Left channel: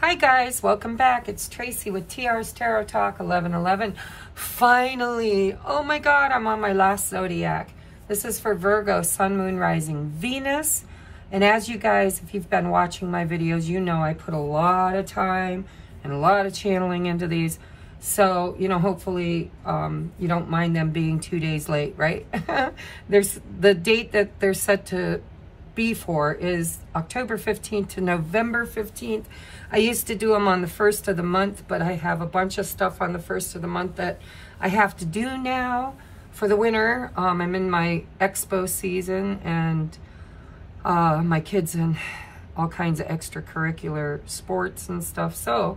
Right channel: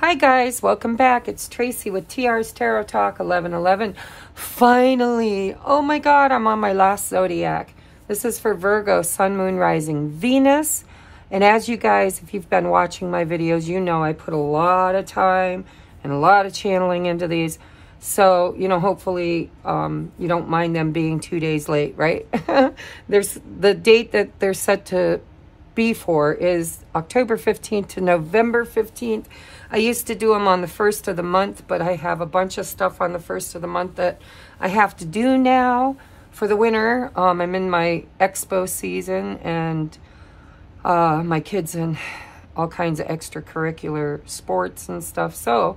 Hi guys, welcome back. It's Tracy with TR's Tarot Talk 1111. Finally, oh my god, I'm on my last zodiac. This is for Virgo, Sun, Moon, Rising, Venus. And as you guys, if you've been watching my videos, you know I put a lot of time and a lot of channeling into these. So, you know, hopefully you don't mind them being 2 days late, right? There's the date that they're set to be for is October 15th to November 15th. I used to do them on the 1st of the month, but I have a bunch of stuff on the 1st of the month that I have to do now for the winter. I'm in my expo season, and my kids in all kinds of extracurricular sports and stuff. So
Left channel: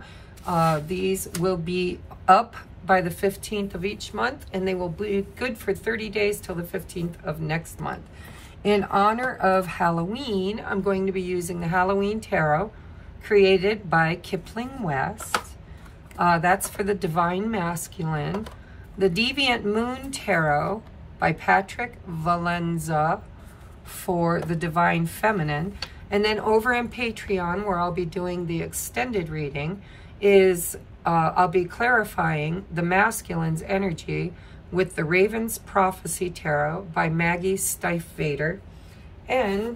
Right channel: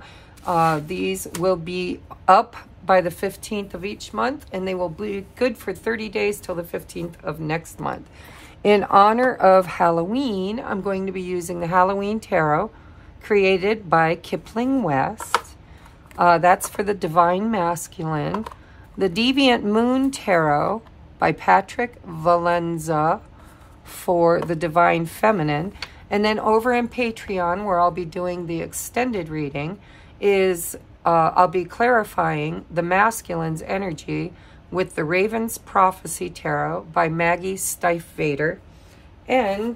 these will be up by the 15th of each month, and they will be good for 30 days till the 15th of next month. In honor of Halloween, I'm going to be using the Halloween Tarot, created by Kipling West. That's for the Divine Masculine. The Deviant Moon Tarot by Patrick Valenza for the Divine Feminine. And then over in Patreon, where I'll be doing the extended reading, is I'll be clarifying the masculine's energy with the Raven's Prophecy Tarot by Maggie Stiefvater. And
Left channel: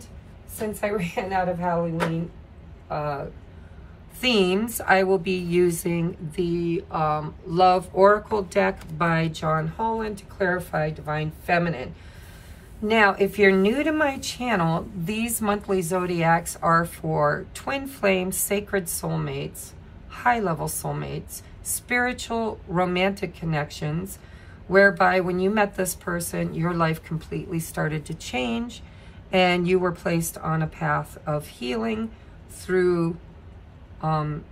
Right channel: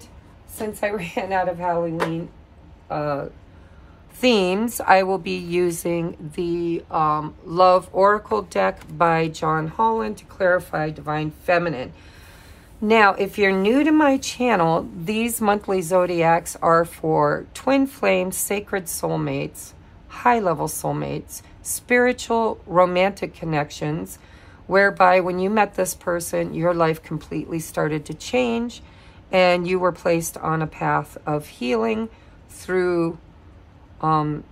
since I ran out of Halloween themes, I will be using the Love Oracle deck by John Holland to clarify Divine Feminine. Now, if you're new to my channel, these monthly zodiacs are for twin flames, sacred soulmates, high-level soulmates, spiritual romantic connections, whereby when you met this person, your life completely started to change and you were placed on a path of healing through the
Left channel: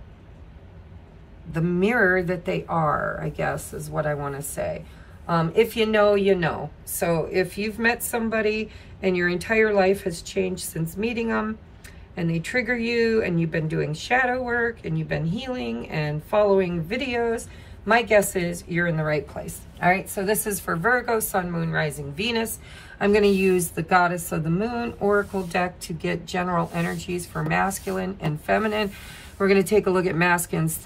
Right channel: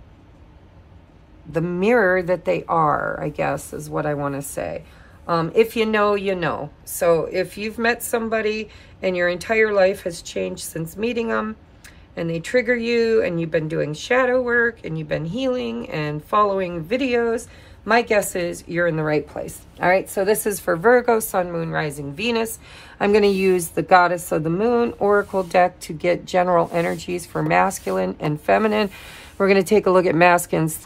mirror that they are, I guess is what I want to say. If you know, you know. So if you've met somebody and your entire life has changed since meeting them, and they trigger you, and you've been doing shadow work, and you've been healing and following videos, my guess is you're in the right place. All right, so this is for Virgo, Sun, Moon, Rising, Venus. I'm going to use the Goddess of the Moon Oracle deck to get general energies for masculine and feminine. We're going to take a look at masculine's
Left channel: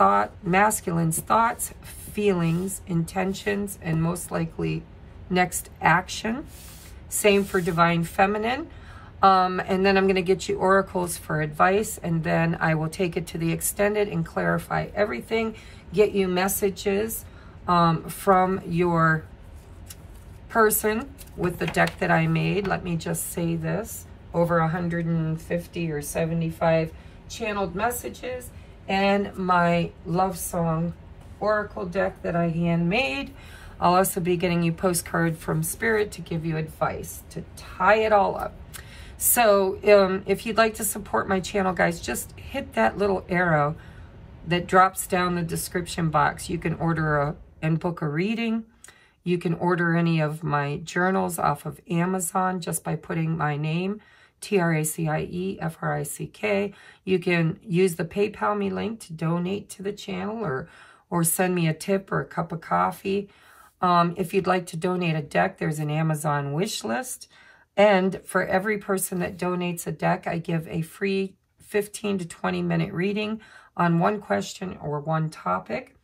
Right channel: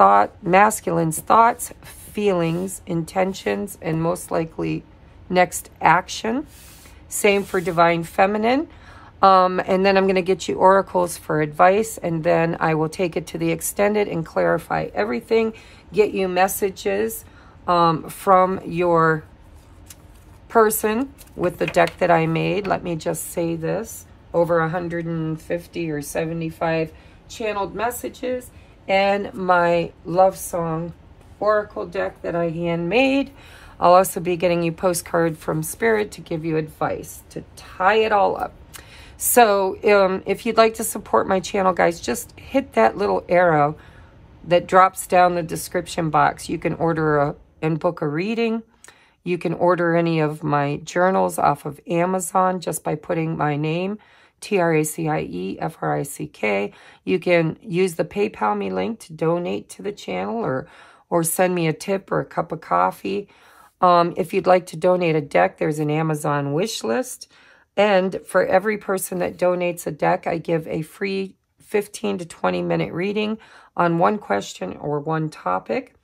thoughts, feelings, intentions, and most likely next action. Same for Divine Feminine. And then I'm going to get you oracles for advice, and then I will take it to the extended and clarify everything, get you messages from your person with the deck that I made. Let me just say this, over 150 or 75 channeled messages, and my love song oracle deck that I handmade. I'll also be getting you postcard from Spirit to give you advice to tie it all up. So if you'd like to support my channel, guys, just hit that little arrow that drops down the description box. You can order and book a reading. You can order any of my journals off of Amazon just by putting my name, TRACIE FRICK. You can use the PayPal me link to donate to the channel, or send me a tip or a cup of coffee. If you'd like to donate a deck, there's an Amazon wish list. And for every person that donates a deck, I give a free 15 to 20 minute reading on one question or one topic.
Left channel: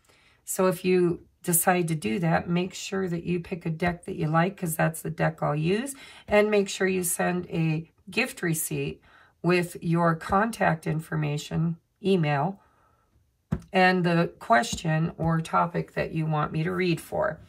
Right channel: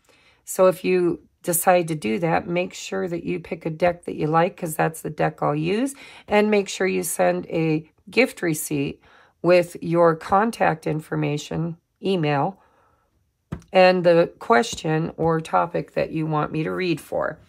So if you decide to do that, make sure that you pick a deck that you like, because that's the deck I'll use. And make sure you send a gift receipt with your contact information, email, and the question or topic that you want me to read for.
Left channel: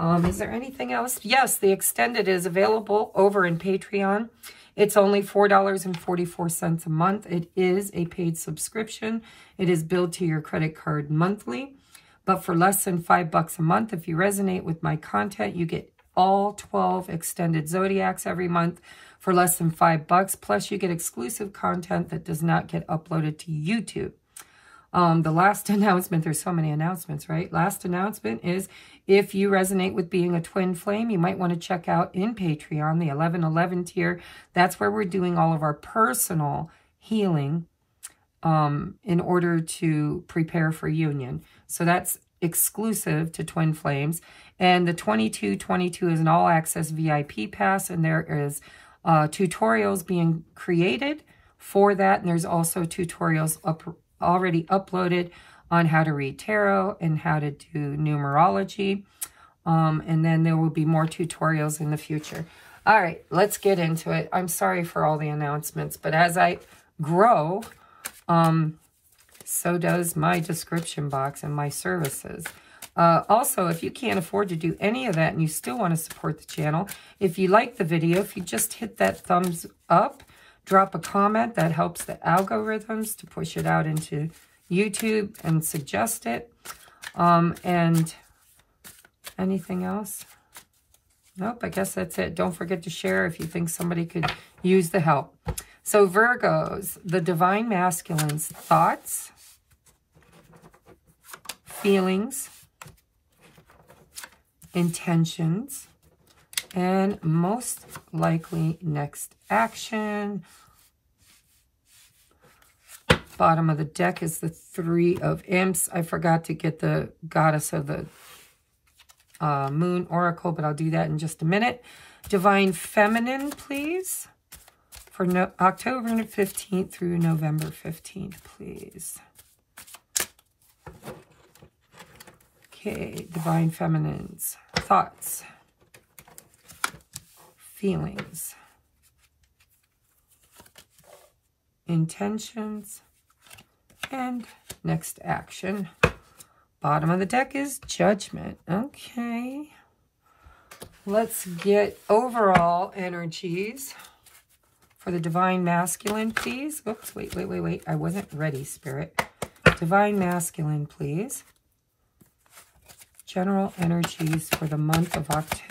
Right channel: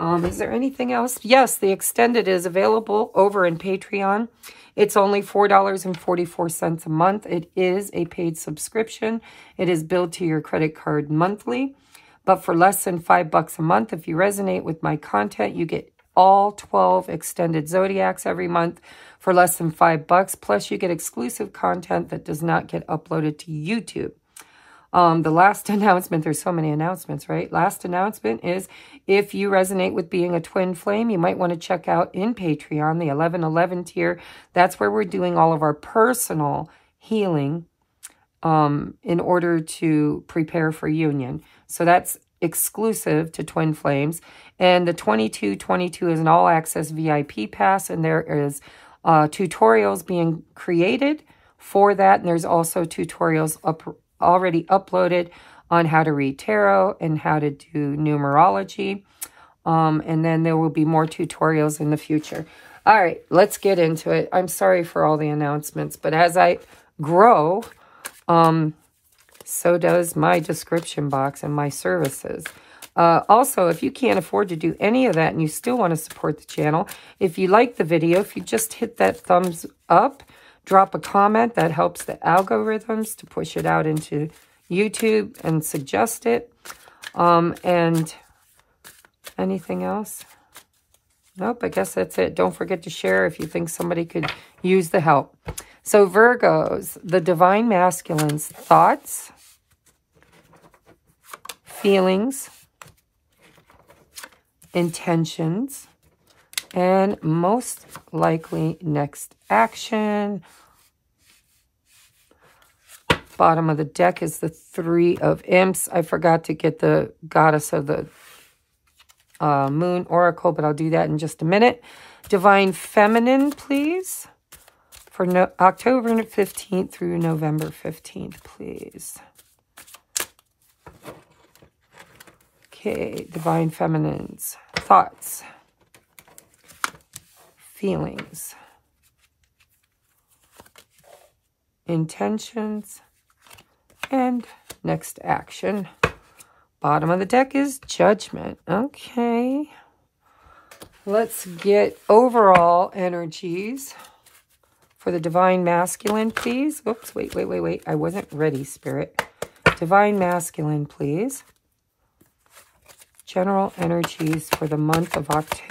Is there anything else? Yes, the extended is available over in Patreon. It's only $4.44 a month. It is a paid subscription. It is billed to your credit card monthly. But for less than $5 a month, if you resonate with my content, you get all 12 extended zodiacs every month for less than $5. Plus, you get exclusive content that does not get uploaded to YouTube. The last announcement, there's so many announcements, right? Last announcement is, if you resonate with being a twin flame, you might want to check out in Patreon, the 1111 tier. That's where we're doing all of our personal healing in order to prepare for union. So that's exclusive to twin flames. And the 2222 is an all-access VIP pass, and there is tutorials being created for that. And there's also tutorials already uploaded on how to read tarot and how to do numerology. And then there will be more tutorials in the future. All right, let's get into it. I'm sorry for all the announcements, but as I grow, so does my description box and my services. Also, if you can't afford to do any of that and you still want to support the channel, if you like the video, if you just hit that thumbs up, drop a comment, that helps the algorithms to push it out into YouTube and suggest it. And anything else? Nope, I guess that's it. Don't forget to share if you think somebody could use the help. So Virgos, the Divine Masculine's thoughts, feelings, intentions, and most likely next action. Bottom of the deck is the Three of Imps. I forgot to get the Goddess of the Moon Oracle, but I'll do that in just a minute. Divine Feminine, please. For October 15th through November 15th, please. Okay, Divine Feminine's thoughts, feelings, intentions, and next action. Bottom of the deck is Judgment. Okay. Let's get overall energies for the Divine Masculine, please. Oops, wait. I wasn't ready, Spirit. Divine Masculine, please. General energies for the month of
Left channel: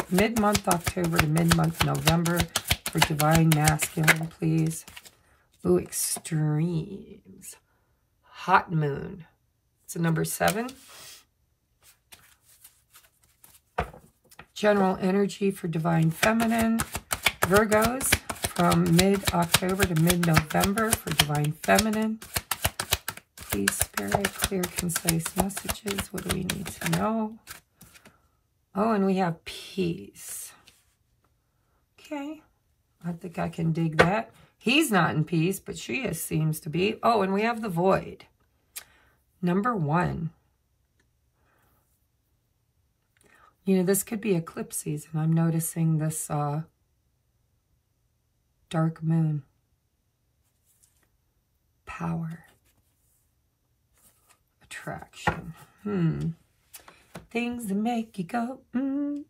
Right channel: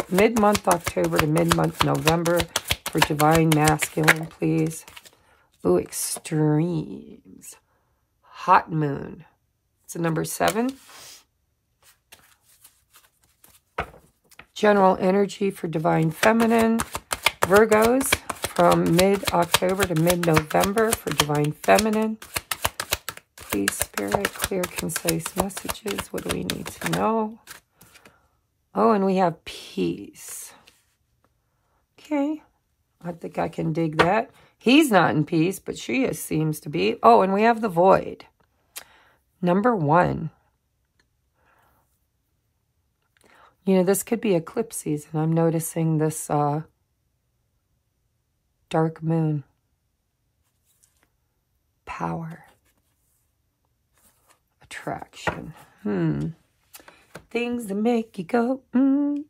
mid-month October to mid-month November for Divine Masculine, please. Ooh, extremes. Hot Moon. It's a number 7. General energy for Divine Feminine. Virgos from mid-October to mid-November for Divine Feminine. Please, Spirit, clear, concise messages. What do we need to know? Oh, and we have peace. Okay. I think I can dig that. He's not in peace, but she seems to be. Oh, and we have the Void. Number 1. You know, this could be eclipse season. I'm noticing this dark moon. Power. Attraction. Things that make you go, All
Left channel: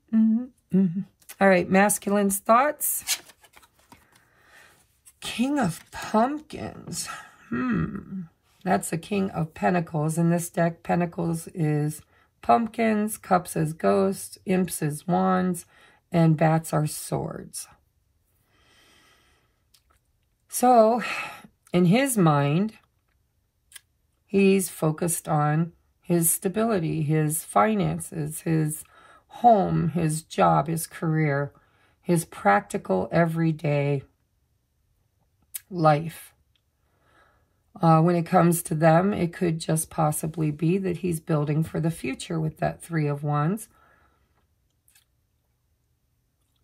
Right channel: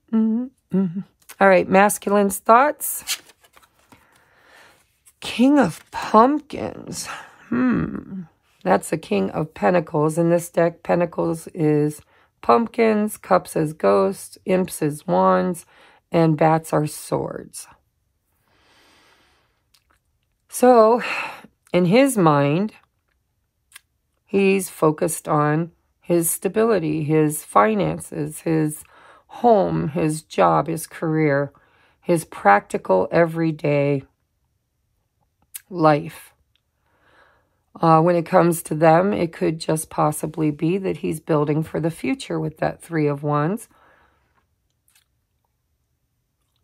right, masculine's thoughts. King of Pumpkins. That's the King of Pentacles. In this deck, Pentacles is pumpkins, cups as ghosts, imps as wands, and bats are swords. So, in his mind, he's focused on his stability, his finances, his home, his job, his career, his practical everyday life. When it comes to them, it could just possibly be that he's building for the future with that Three of Wands.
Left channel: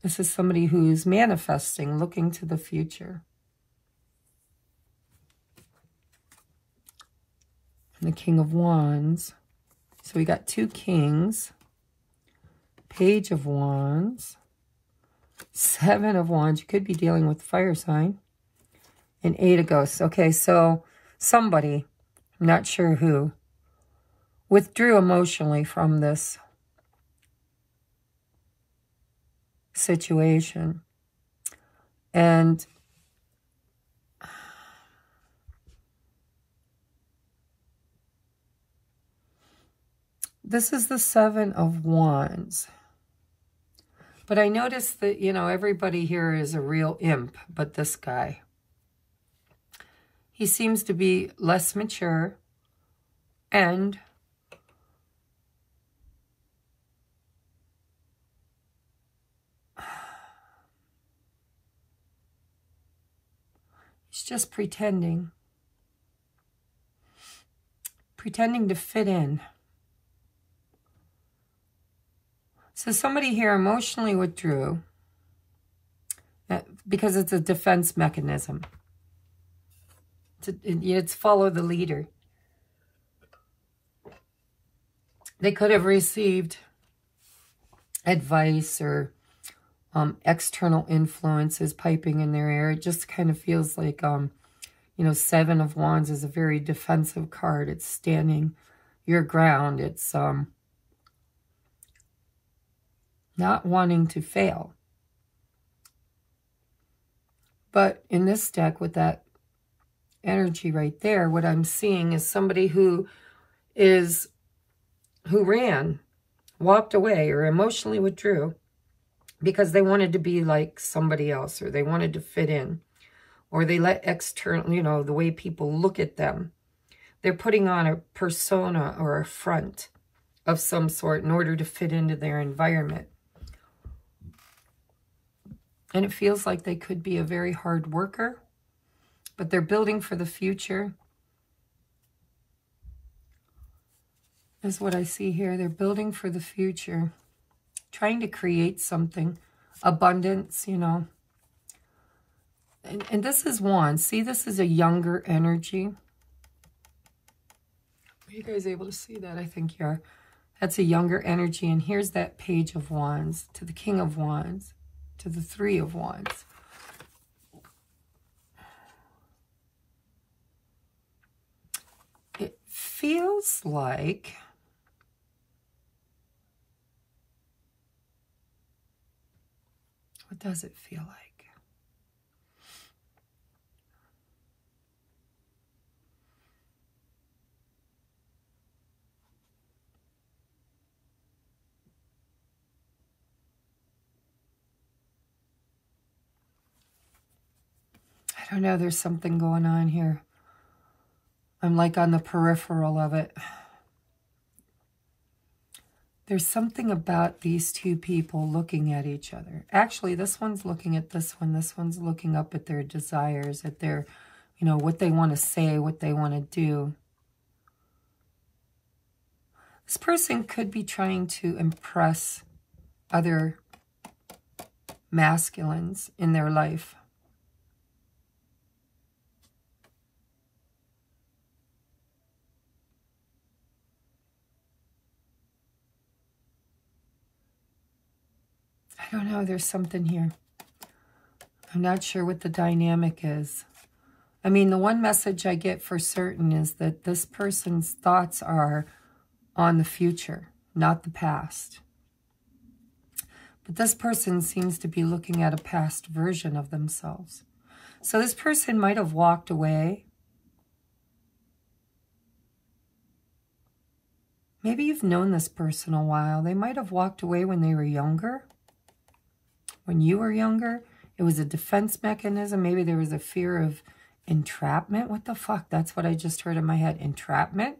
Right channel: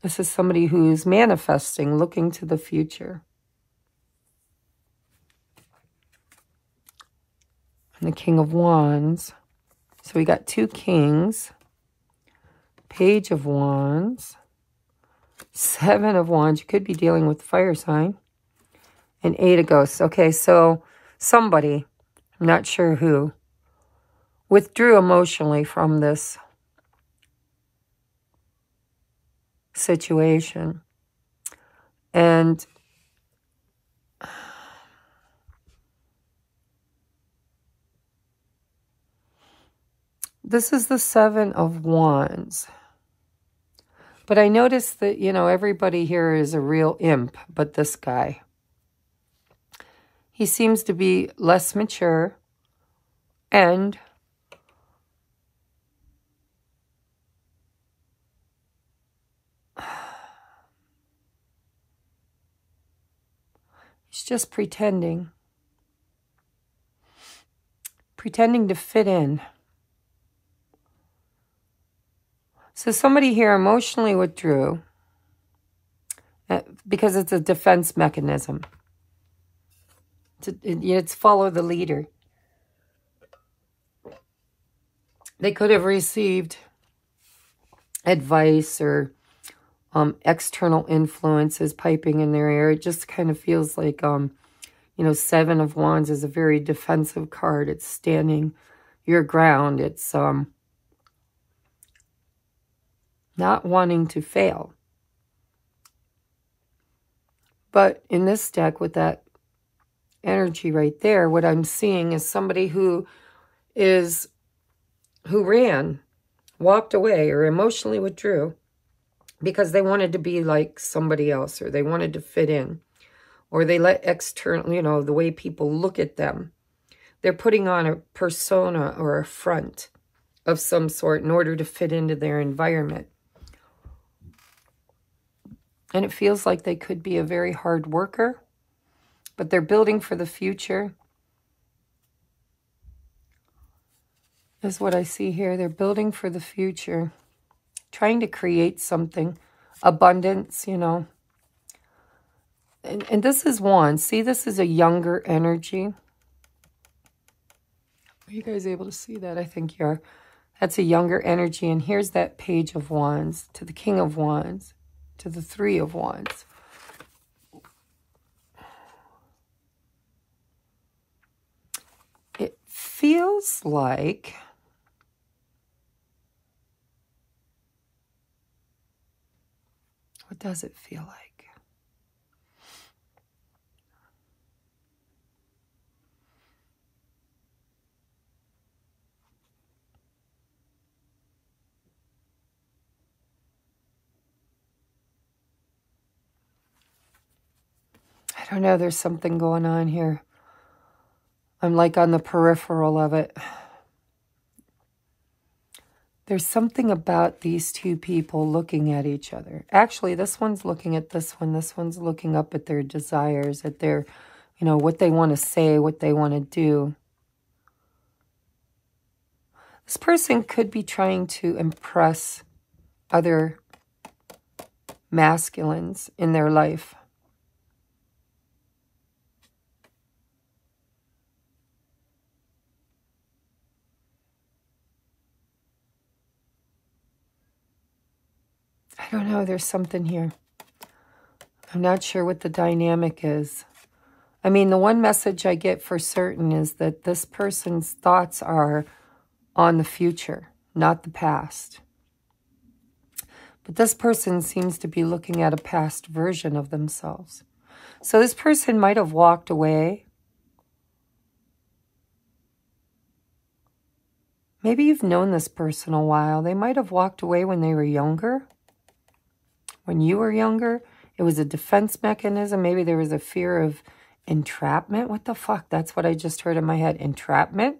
This is somebody who's manifesting, looking to the future. And the King of Wands. So we got 2 Kings. Page of Wands. 7 of Wands. You could be dealing with fire sign. And 8 of Ghosts. Okay, so somebody, I'm not sure who, withdrew emotionally from this situation. And this is the 7 of Wands. But I noticed that, you know, everybody here is a real imp, but this guy. He seems to be less mature and he's just pretending to fit in. So somebody here emotionally withdrew because it's a defense mechanism. It's follow the leader. They could have received advice or external influences piping in their ear. It just kind of feels like, you know, Seven of Wands is a very defensive card. It's standing your ground. It's not wanting to fail. But in this deck, with that energy right there, what I'm seeing is somebody who ran, walked away, or emotionally withdrew because they wanted to be like somebody else, or they wanted to fit in, or they let external, you know, the way people look at them. They're putting on a persona or a front of some sort in order to fit into their environment. And it feels like they could be a very hard worker, but they're building for the future. Is what I see here. They're building for the future, trying to create something, abundance, you know. And this is Wands. See, this is a younger energy. Are you guys able to see that? I think you are. That's a younger energy. And here's that Page of Wands to the King of Wands, to the Three of Wands. It feels like what does it feel like? I don't know, there's something going on here. I'm like on the peripheral of it. There's something about these two people looking at each other. Actually, this one's looking at this one. This one's looking up at their desires, at their, you know, what they want to say, what they want to do. This person could be trying to impress other masculines in their life. I don't know, there's something here. I'm not sure what the dynamic is. I mean, the one message I get for certain is that this person's thoughts are on the future, not the past. But this person seems to be looking at a past version of themselves. So this person might have walked away. Maybe you've known this person a while. They might have walked away when they were younger. When you were younger, it was a defense mechanism. Maybe there was a fear of entrapment. What the fuck? That's what I just heard in my head. Entrapment?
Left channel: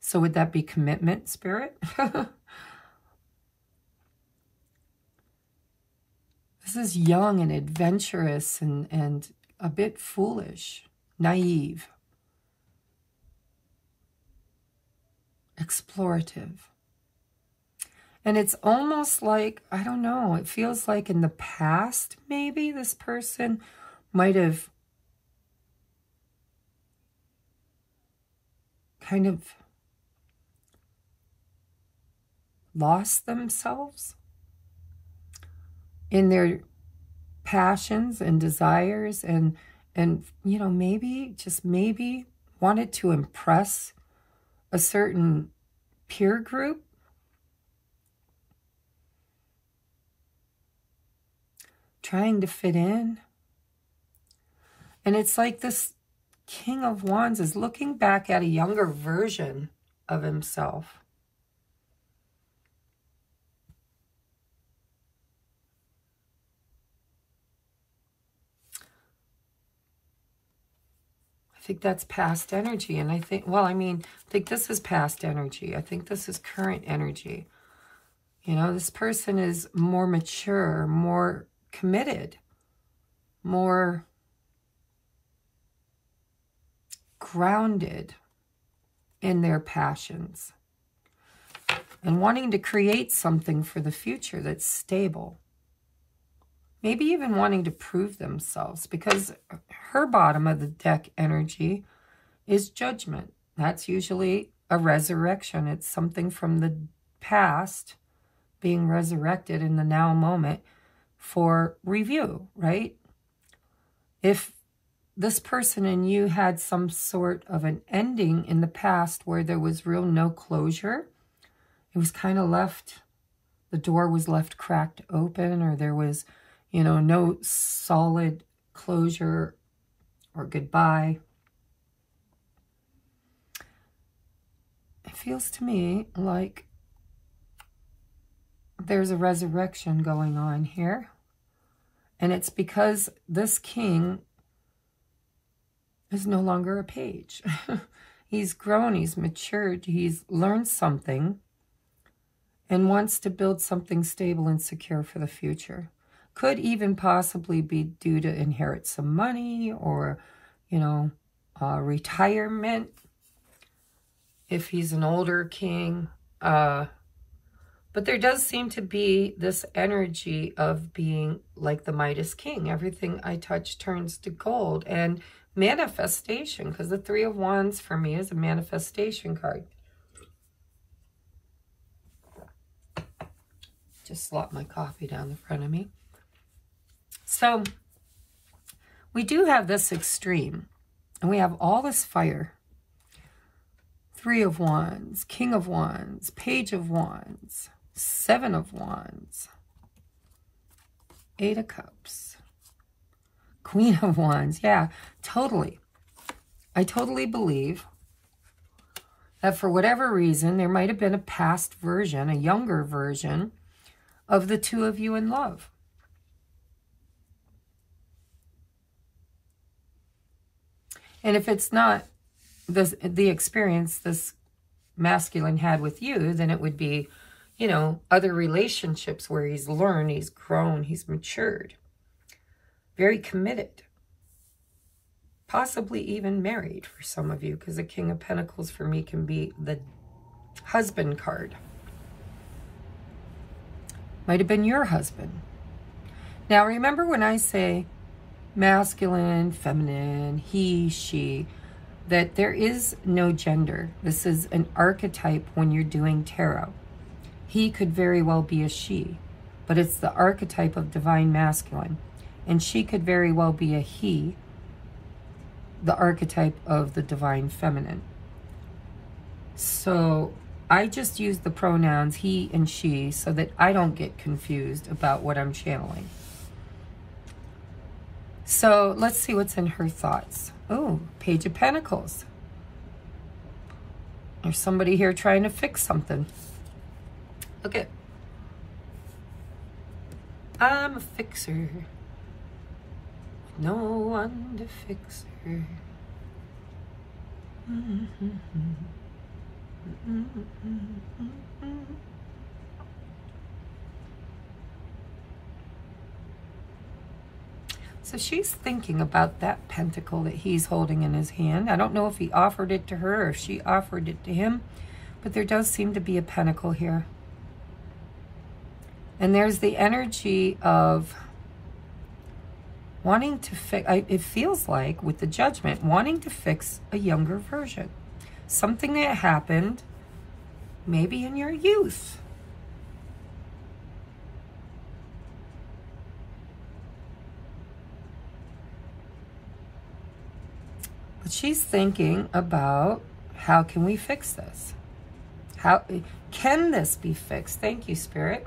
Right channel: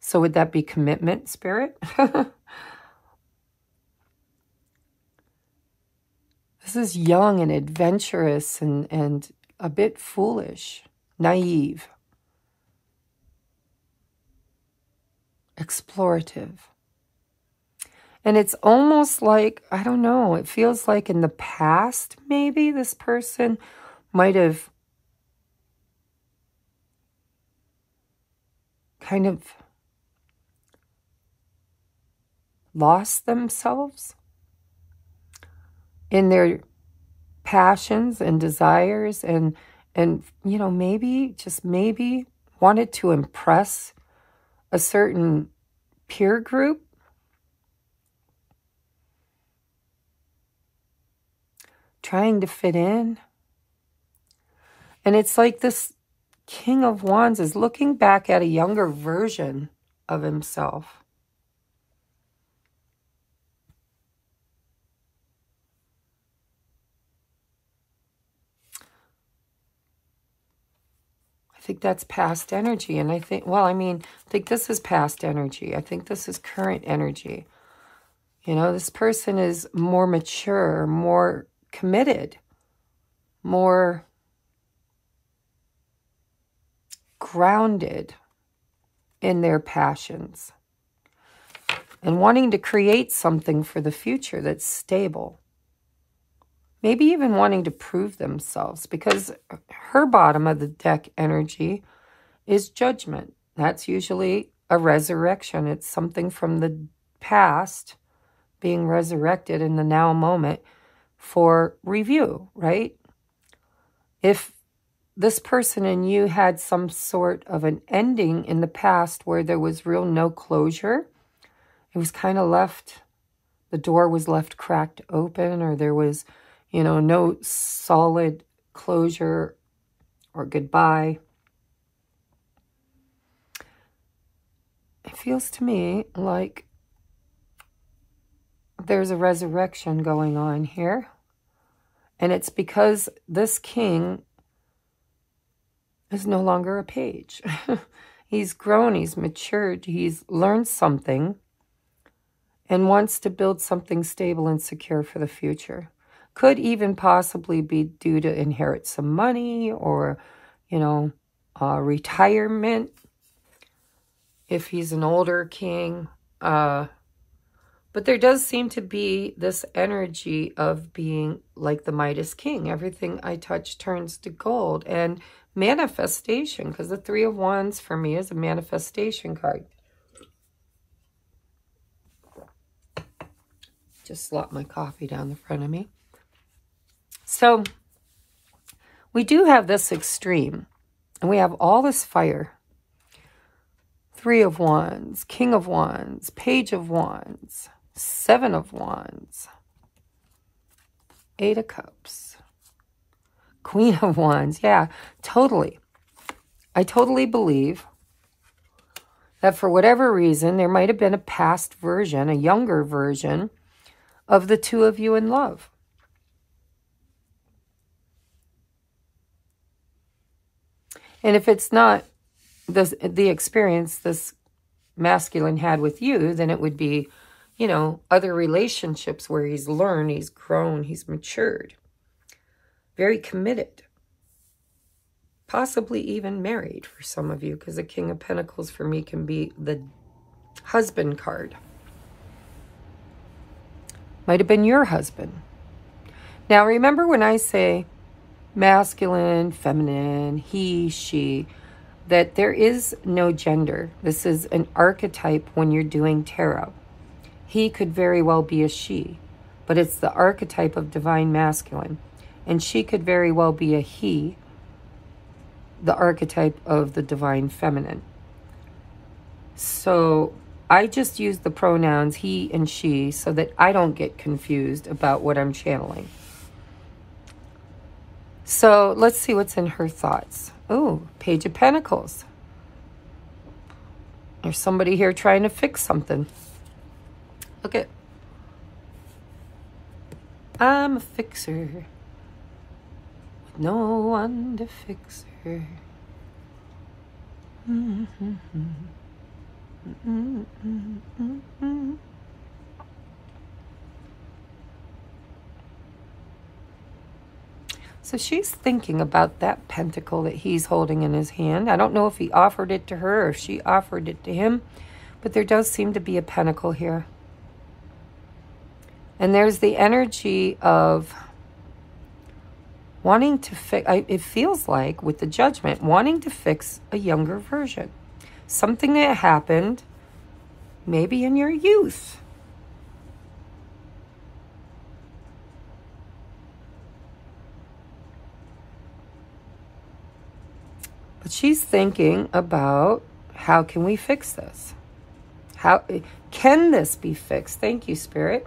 So would that be commitment, Spirit? This is young and adventurous and a bit foolish, naive, explorative. And it's almost like, I don't know, it feels like in the past, maybe this person might have kind of lost themselves in their passions and desires and you know, maybe, just maybe wanted to impress a certain peer group. Trying to fit in. And it's like this King of Wands is looking back at a younger version of himself. I think that's past energy. And I think, well, I mean, I think this is past energy. I think this is current energy. You know, this person is more mature, more committed, more grounded in their passions and wanting to create something for the future that's stable. Maybe even wanting to prove themselves, because her bottom of the deck energy is Judgment. That's usually a resurrection. It's something from the past being resurrected in the now moment for review, right? If this person and you had some sort of an ending in the past where there was real no closure, it was kind of left, the door was left cracked open, or there was, you know, no solid closure or goodbye. It feels to me like there's a resurrection going on here. And it's because this king is no longer a page. He's grown, he's matured, he's learned something and wants to build something stable and secure for the future. Could even possibly be due to inherit some money or, you know, retirement if he's an older king. But there does seem to be this energy of being like the Midas king. Everything I touch turns to gold. And manifestation, because the Three of Wands for me is a manifestation card. Just slop my coffee down the front of me. So we do have this extreme, and we have all this fire. Three of Wands, King of Wands, Page of Wands, Seven of Wands, Eight of Cups, Queen of Wands. Yeah, totally. I totally believe that for whatever reason, there might have been a past version, a younger version of the two of you in love. And if it's not the experience this masculine had with you, then it would be, you know, other relationships where he's learned, he's grown, he's matured. Very committed. Possibly even married for some of you, because the King of Pentacles for me can be the husband card. Might have been your husband. Now, remember when I say masculine, feminine, he, she, that there is no gender. This is an archetype when you're doing tarot. He could very well be a she, but it's the archetype of divine masculine. And she could very well be a he, the archetype of the divine feminine. So I just use the pronouns he and she so that I don't get confused about what I'm channeling. So let's see what's in her thoughts. Oh, Page of Pentacles. There's somebody here trying to fix something. Look at. I'm a fixer. No one to fix her. So she's thinking about that pentacle that he's holding in his hand. I don't know if he offered it to her or if she offered it to him, but there does seem to be a pentacle here. And there's the energy of wanting to fix, it feels like with the Judgment, wanting to fix a younger version. Something that happened maybe in your youth. But she's thinking about, how can we fix this? How can this be fixed? Thank you, Spirit.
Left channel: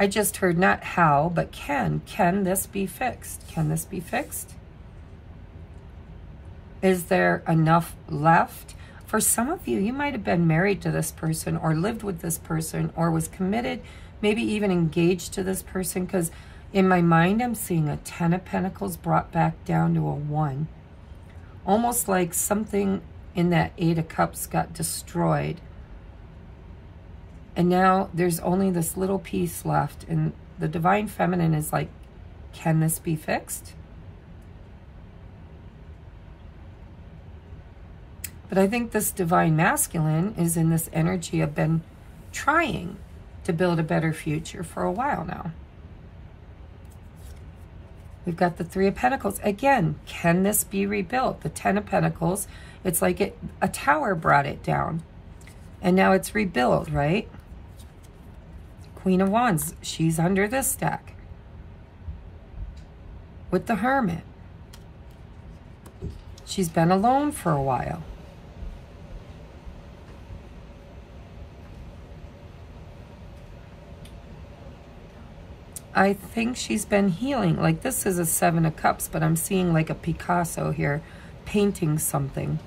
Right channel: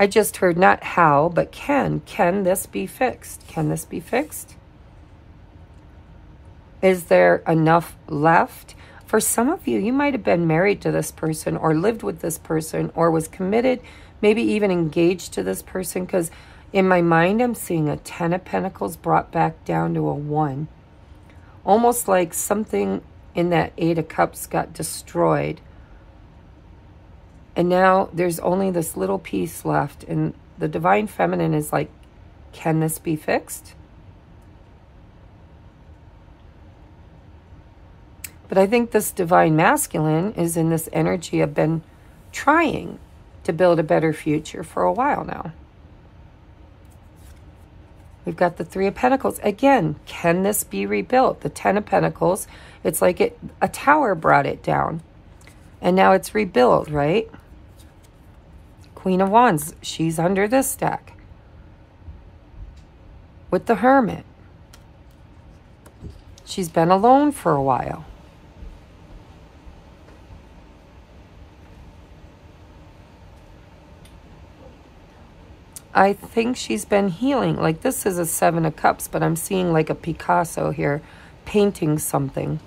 I just heard not how, but can. Can this be fixed? Can this be fixed? Is there enough left? For some of you, you might have been married to this person or lived with this person or was committed, maybe even engaged to this person, because in my mind, I'm seeing a 10 of Pentacles brought back down to a 1. Almost like something in that 8 of Cups got destroyed. And now there's only this little piece left. And the Divine Feminine is like, can this be fixed? But I think this Divine Masculine is in this energy of been trying to build a better future for a while now. We've got the 3 of Pentacles. Again, can this be rebuilt? The 10 of Pentacles, it's like a tower brought it down. And now it's rebuilt, right? Queen of Wands, she's under this deck with the Hermit. She's been alone for a while. I think she's been healing. Like, this is a 7 of Cups, but I'm seeing like a Picasso here painting something.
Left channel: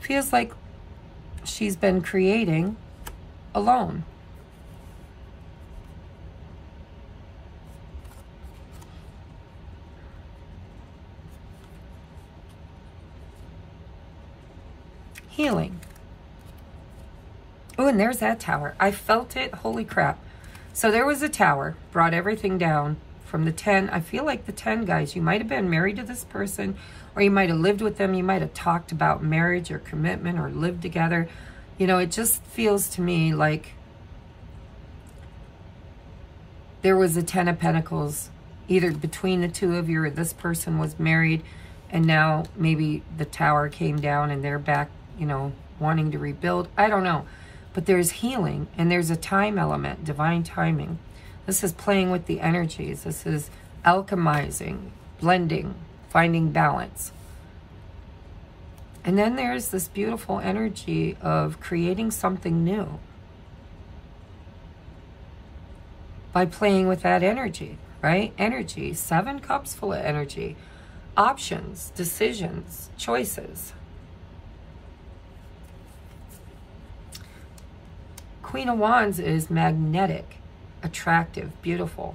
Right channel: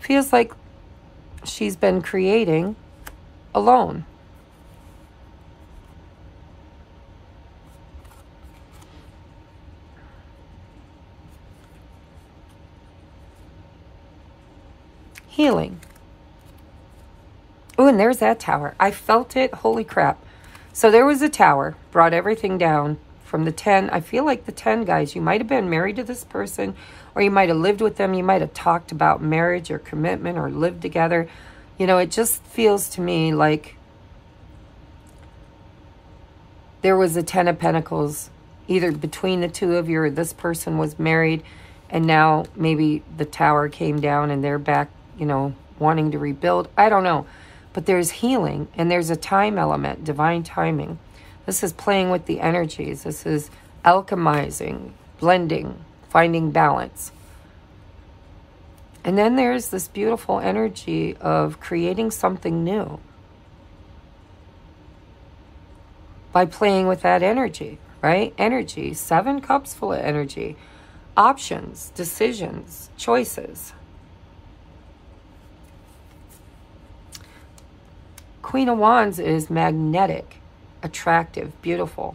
Feels like she's been creating alone. Healing. Oh, and there's that tower. I felt it. Holy crap. So there was a tower, brought everything down from the 10. I feel like the 10, guys, you might have been married to this person, or you might have lived with them. You might have talked about marriage or commitment or lived together. You know, it just feels to me like there was a 10 of Pentacles, either between the two of you or this person was married, and now maybe the tower came down and they're back, you know, wanting to rebuild. I don't know. But there's healing, and there's a time element, divine timing. This is playing with the energies. This is alchemizing, blending, finding balance. And then there's this beautiful energy of creating something new by playing with that energy, right? Energy, 7 cups full of energy. Options, decisions, choices. Queen of Wands is magnetic, attractive, beautiful.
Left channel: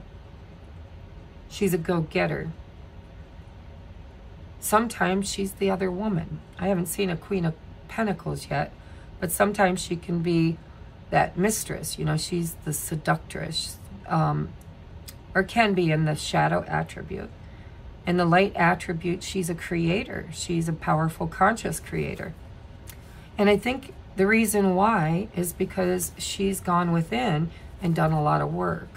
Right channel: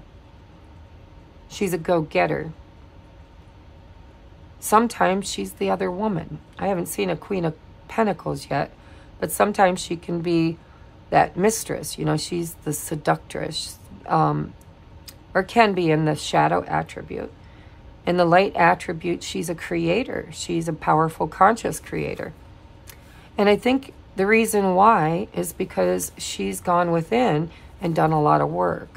She's a go-getter. Sometimes she's the other woman. I haven't seen a Queen of Pentacles yet, but sometimes she can be that mistress. You know, she's the seductress, or can be in the shadow attribute. In the light attribute, she's a creator. She's a powerful, conscious creator. And I think the reason why is because she's gone within and done a lot of work.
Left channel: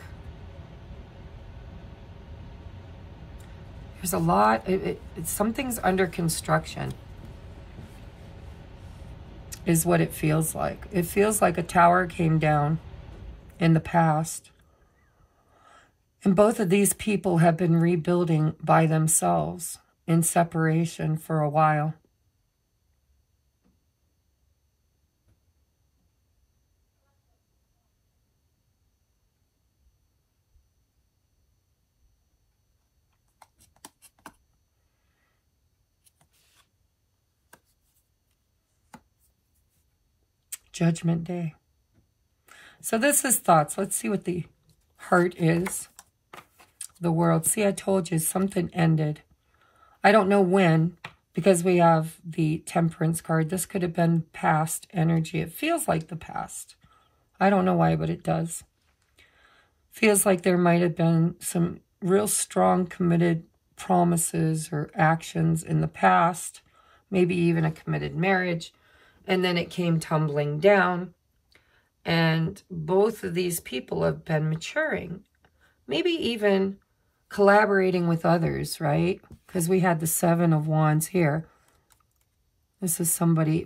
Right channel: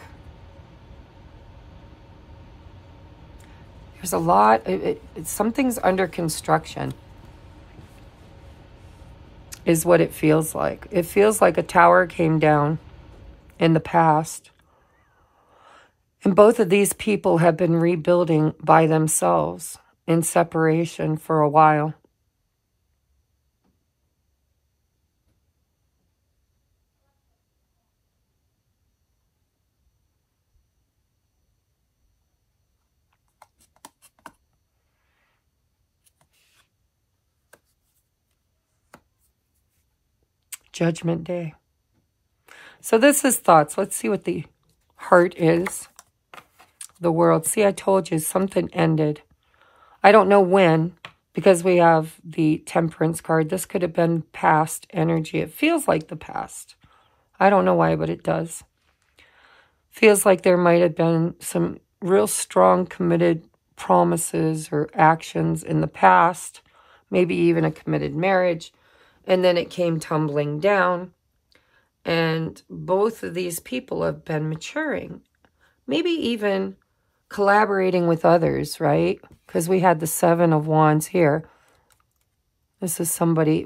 There's a lot, something's under construction is what it feels like. It feels like a tower came down in the past. And both of these people have been rebuilding by themselves in separation for a while. Judgment Day. So this is thoughts. Let's see what the heart is. The World. See, I told you something ended. I don't know when, because we have the Temperance card. This could have been past energy. It feels like the past. I don't know why, but it does. Feels like there might have been some real strong committed promises or actions in the past. Maybe even a committed marriage. And then it came tumbling down. And both of these people have been maturing. Maybe even collaborating with others, right? Because we had the 7 of Wands here. This is somebody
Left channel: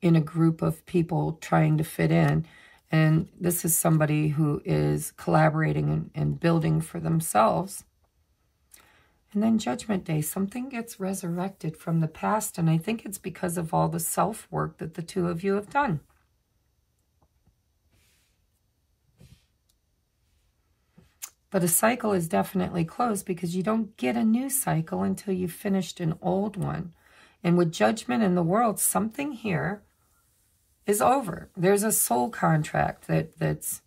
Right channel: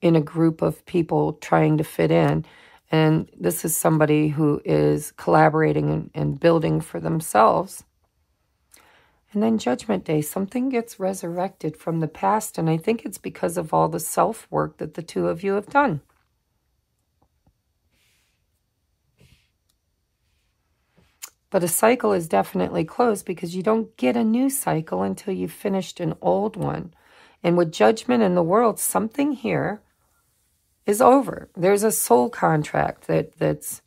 in a group of people trying to fit in. And this is somebody who is collaborating and building for themselves. And then Judgment Day, something gets resurrected from the past. And I think it's because of all the self-work that the two of you have done. But a cycle is definitely closed because you don't get a new cycle until you've finished an old one. And with Judgment in the World, something here is over. There's a soul contract that's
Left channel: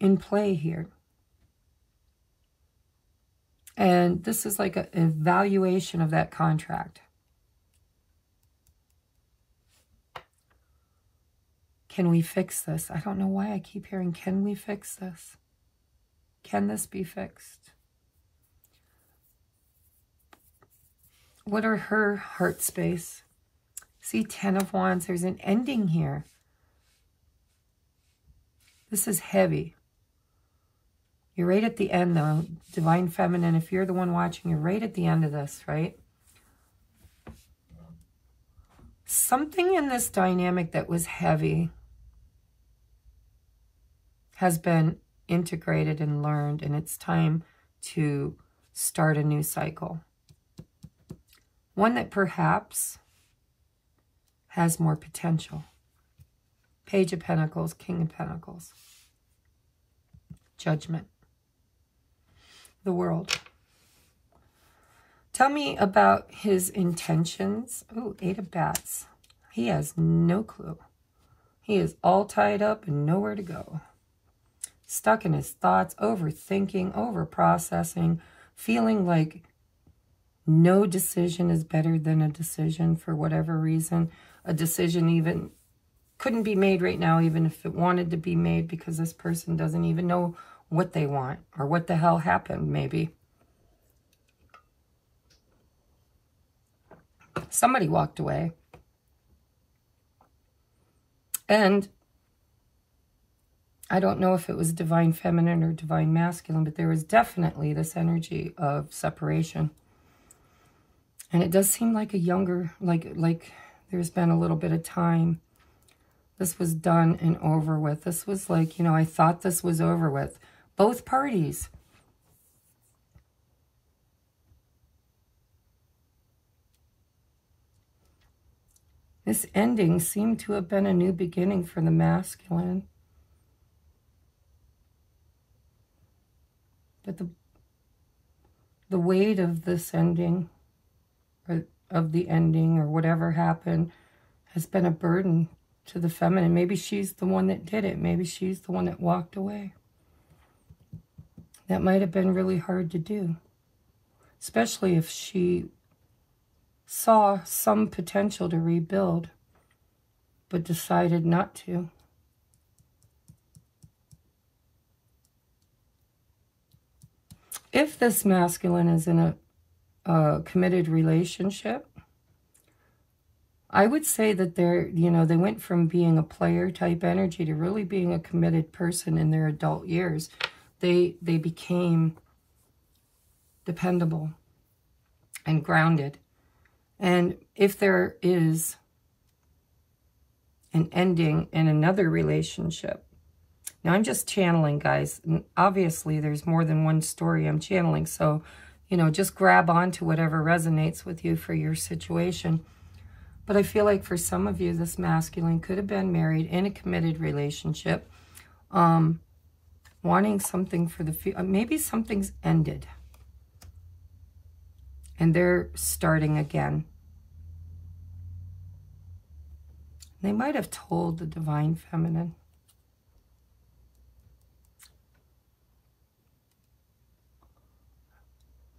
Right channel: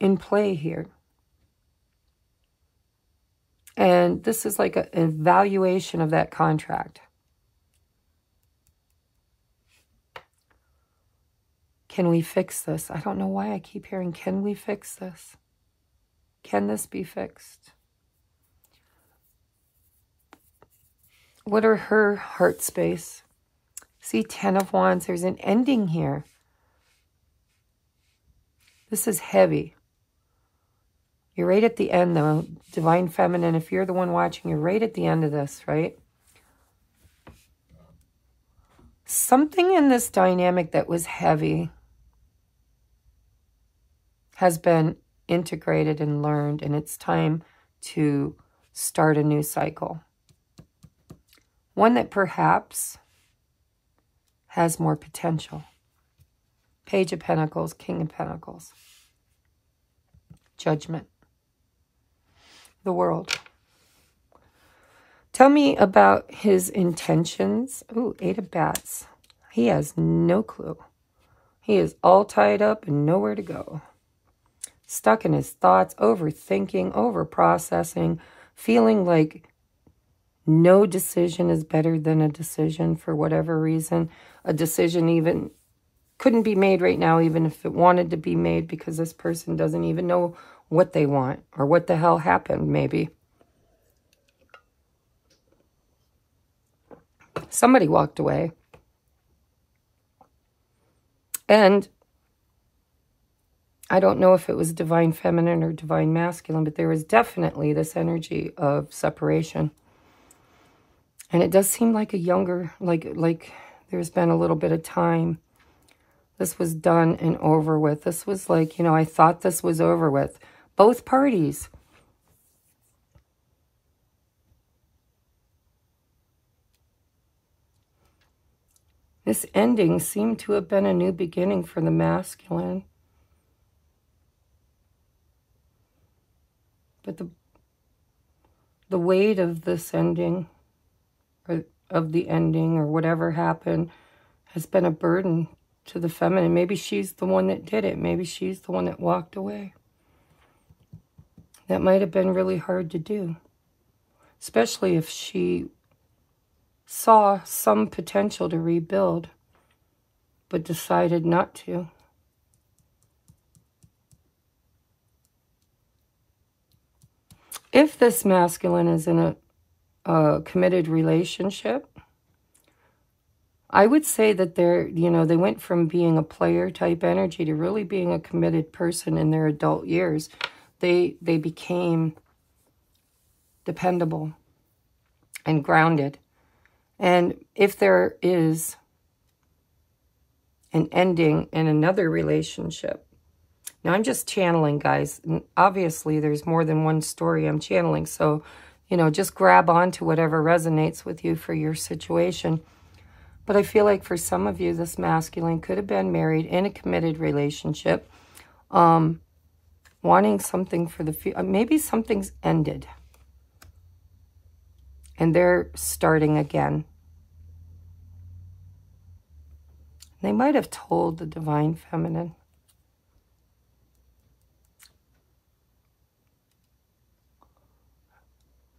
in play here. And this is like an evaluation of that contract. Can we fix this? I don't know why I keep hearing, can we fix this? Can this be fixed? What are her heart space? See, 10 of Wands, there's an ending here. This is heavy. You're right at the end, though. Divine Feminine, if you're the one watching, you're right at the end of this, right? Something in this dynamic that was heavy has been integrated and learned, and it's time to start a new cycle. One that perhaps has more potential. Page of Pentacles, King of Pentacles. Judgment. The World. Tell me about his intentions. Ooh, 8 of Bats. He has no clue. He is all tied up and nowhere to go. Stuck in his thoughts, overthinking, overprocessing, feeling like no decision is better than a decision for whatever reason. A decision even couldn't be made right now, even if it wanted to be made, because this person doesn't even know what they want or what the hell happened, maybe. Somebody walked away. And I don't know if it was divine feminine or divine masculine, but there was definitely this energy of separation. And it does seem like a younger, like there's been a little bit of time. This was done and over with. This was like, you know, I thought this was over with. Both parties. This ending seemed to have been a new beginning for the masculine. But the weight of this ending, or of the ending, or whatever happened, has been a burden to the feminine. Maybe she's the one that did it. Maybe she's the one that walked away. That might have been really hard to do. Especially if she saw some potential to rebuild, but decided not to. If this masculine is in a committed relationship, I would say that they're, you know, they went from being a player type energy to really being a committed person in their adult years. They became dependable and grounded. And if there is an ending in another relationship, now I'm just channeling, guys, and obviously there's more than one story I'm channeling, so, you know, just grab on to whatever resonates with you for your situation. But I feel like for some of you, this masculine could have been married in a committed relationship, wanting something for the future. Maybe something's ended, and they're starting again. They might have told the divine feminine.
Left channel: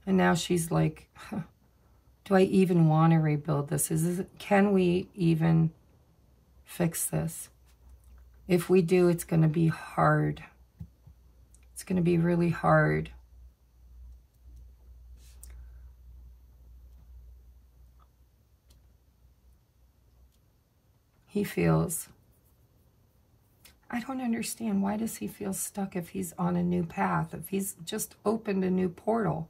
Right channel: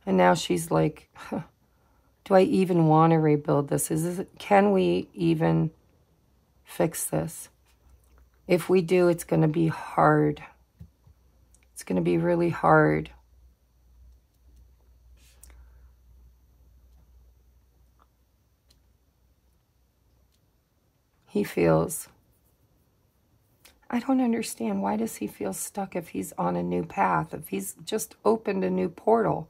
And now she's like, do I even want to rebuild this? Can we even fix this? If we do, it's going to be hard. It's going to be really hard. He feels, I don't understand. Why does he feel stuck if he's on a new path? If he's just opened a new portal?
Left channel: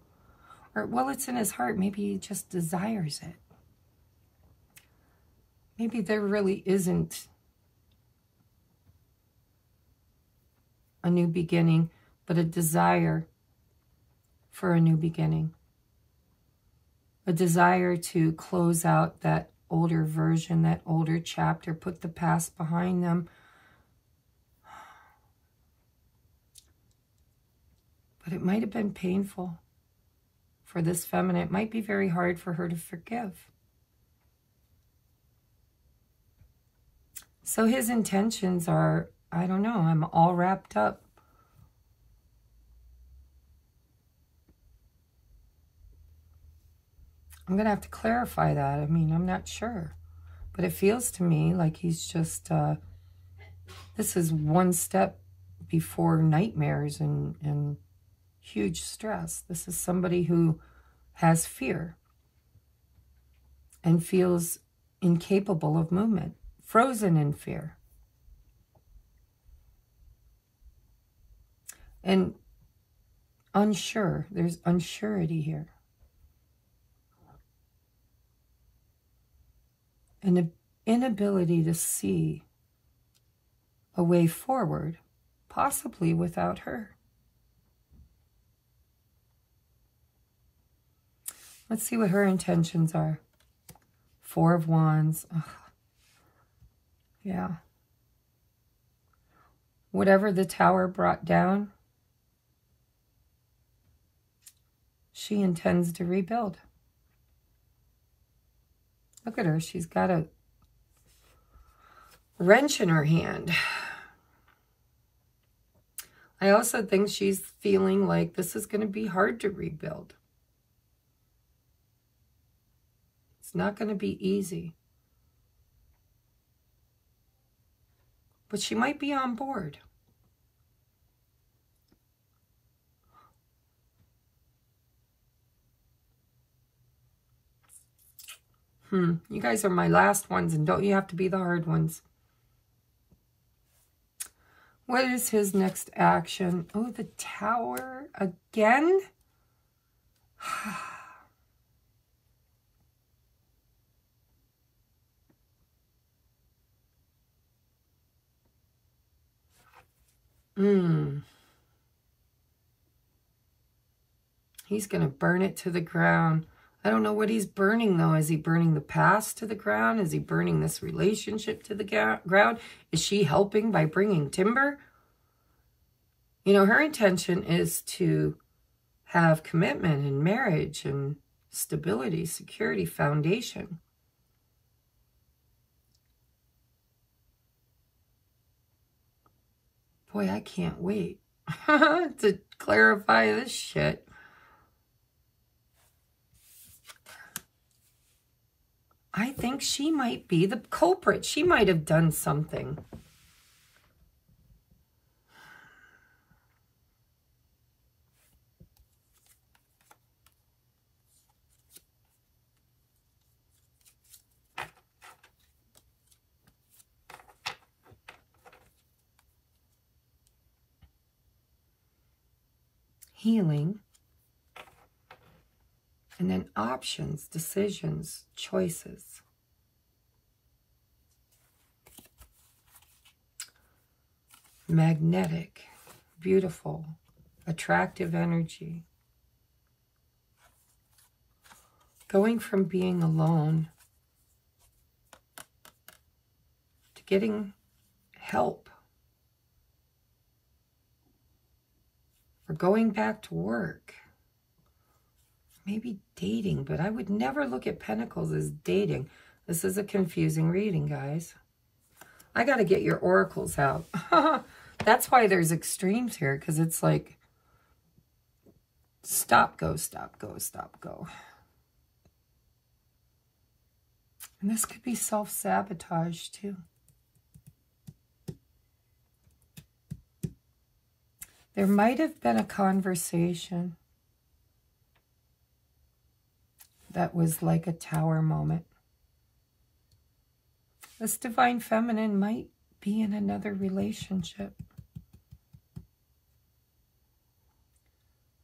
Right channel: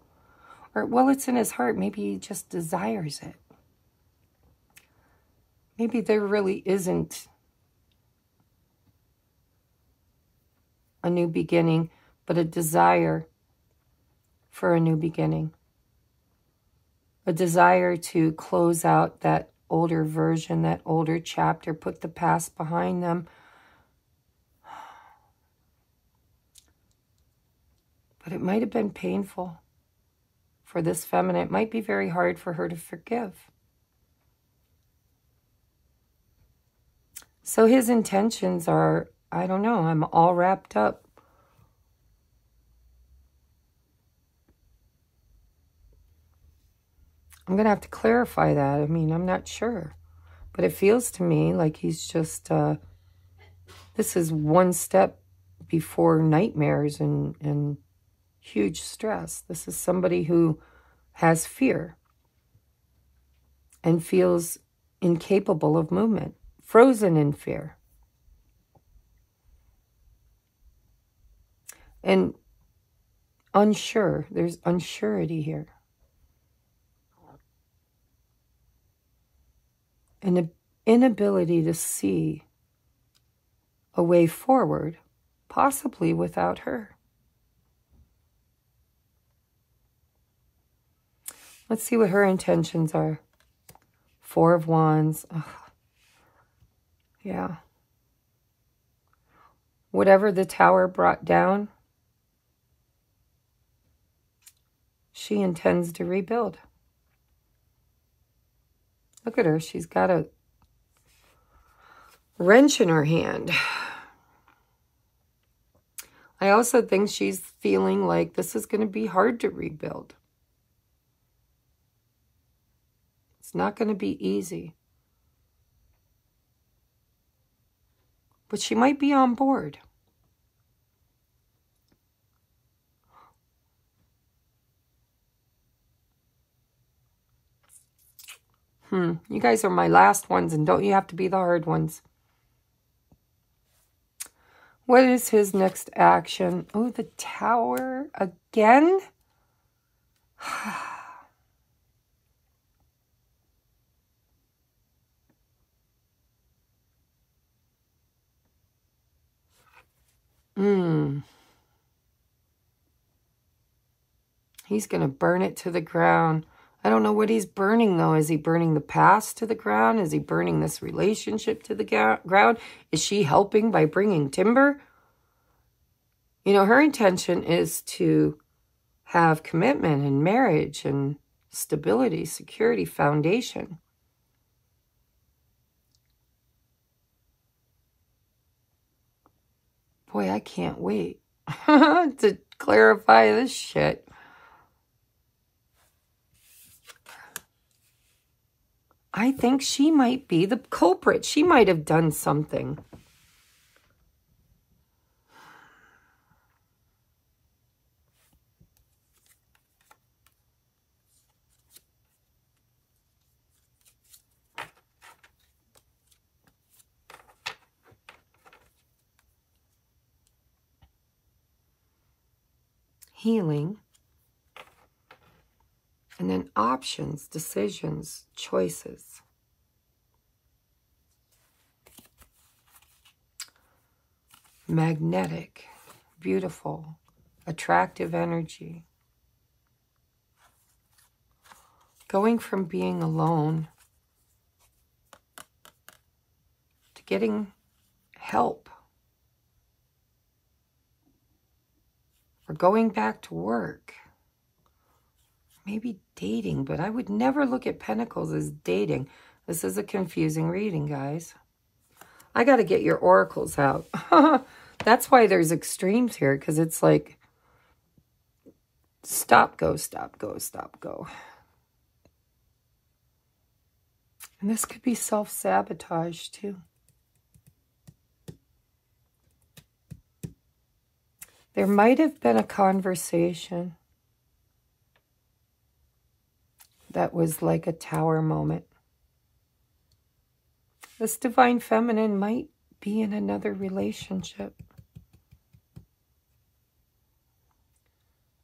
Or, well, it's in his heart. Maybe he just desires it. Maybe there really isn't a new beginning, but a desire for a new beginning. A desire to close out that older version, that older chapter, put the past behind them. But it might have been painful for this feminine. It might be very hard for her to forgive. So his intentions are, I don't know, I'm all wrapped up. I'm going to have to clarify that. I mean, I'm not sure. But it feels to me like he's just, this is one step before nightmares and huge stress. This is somebody who has fear and feels incapable of movement, frozen in fear. And unsure. There's unsurety here. And inability to see a way forward, possibly without her. Let's see what her intentions are. Four of Wands. Ugh. Yeah. Whatever the Tower brought down, she intends to rebuild. Look at her. She's got a wrench in her hand. I also think she's feeling like this is going to be hard to rebuild. It's not going to be easy. But she might be on board. You guys are my last ones, and don't you have to be the hard ones. What is his next action? Oh, the Tower again? He's going to burn it to the ground. I don't know what he's burning, though. Is he burning the past to the ground? Is he burning this relationship to the ground? Is she helping by bringing timber? You know, her intention is to have commitment and marriage and stability, security, foundation. Boy, I can't wait to clarify this shit. I think she might be the culprit. She might have done something. Healing. And then options, decisions, choices. Magnetic, beautiful, attractive energy. Going from being alone to getting help. Or going back to work. Maybe dating, but I would never look at Pentacles as dating. This is a confusing reading, guys. I got to get your oracles out. That's why there's extremes here, because it's like stop, go, stop, go, stop, go. And this could be self-sabotage, too. There might have been a conversation that was like a Tower moment. This Divine Feminine might be in another relationship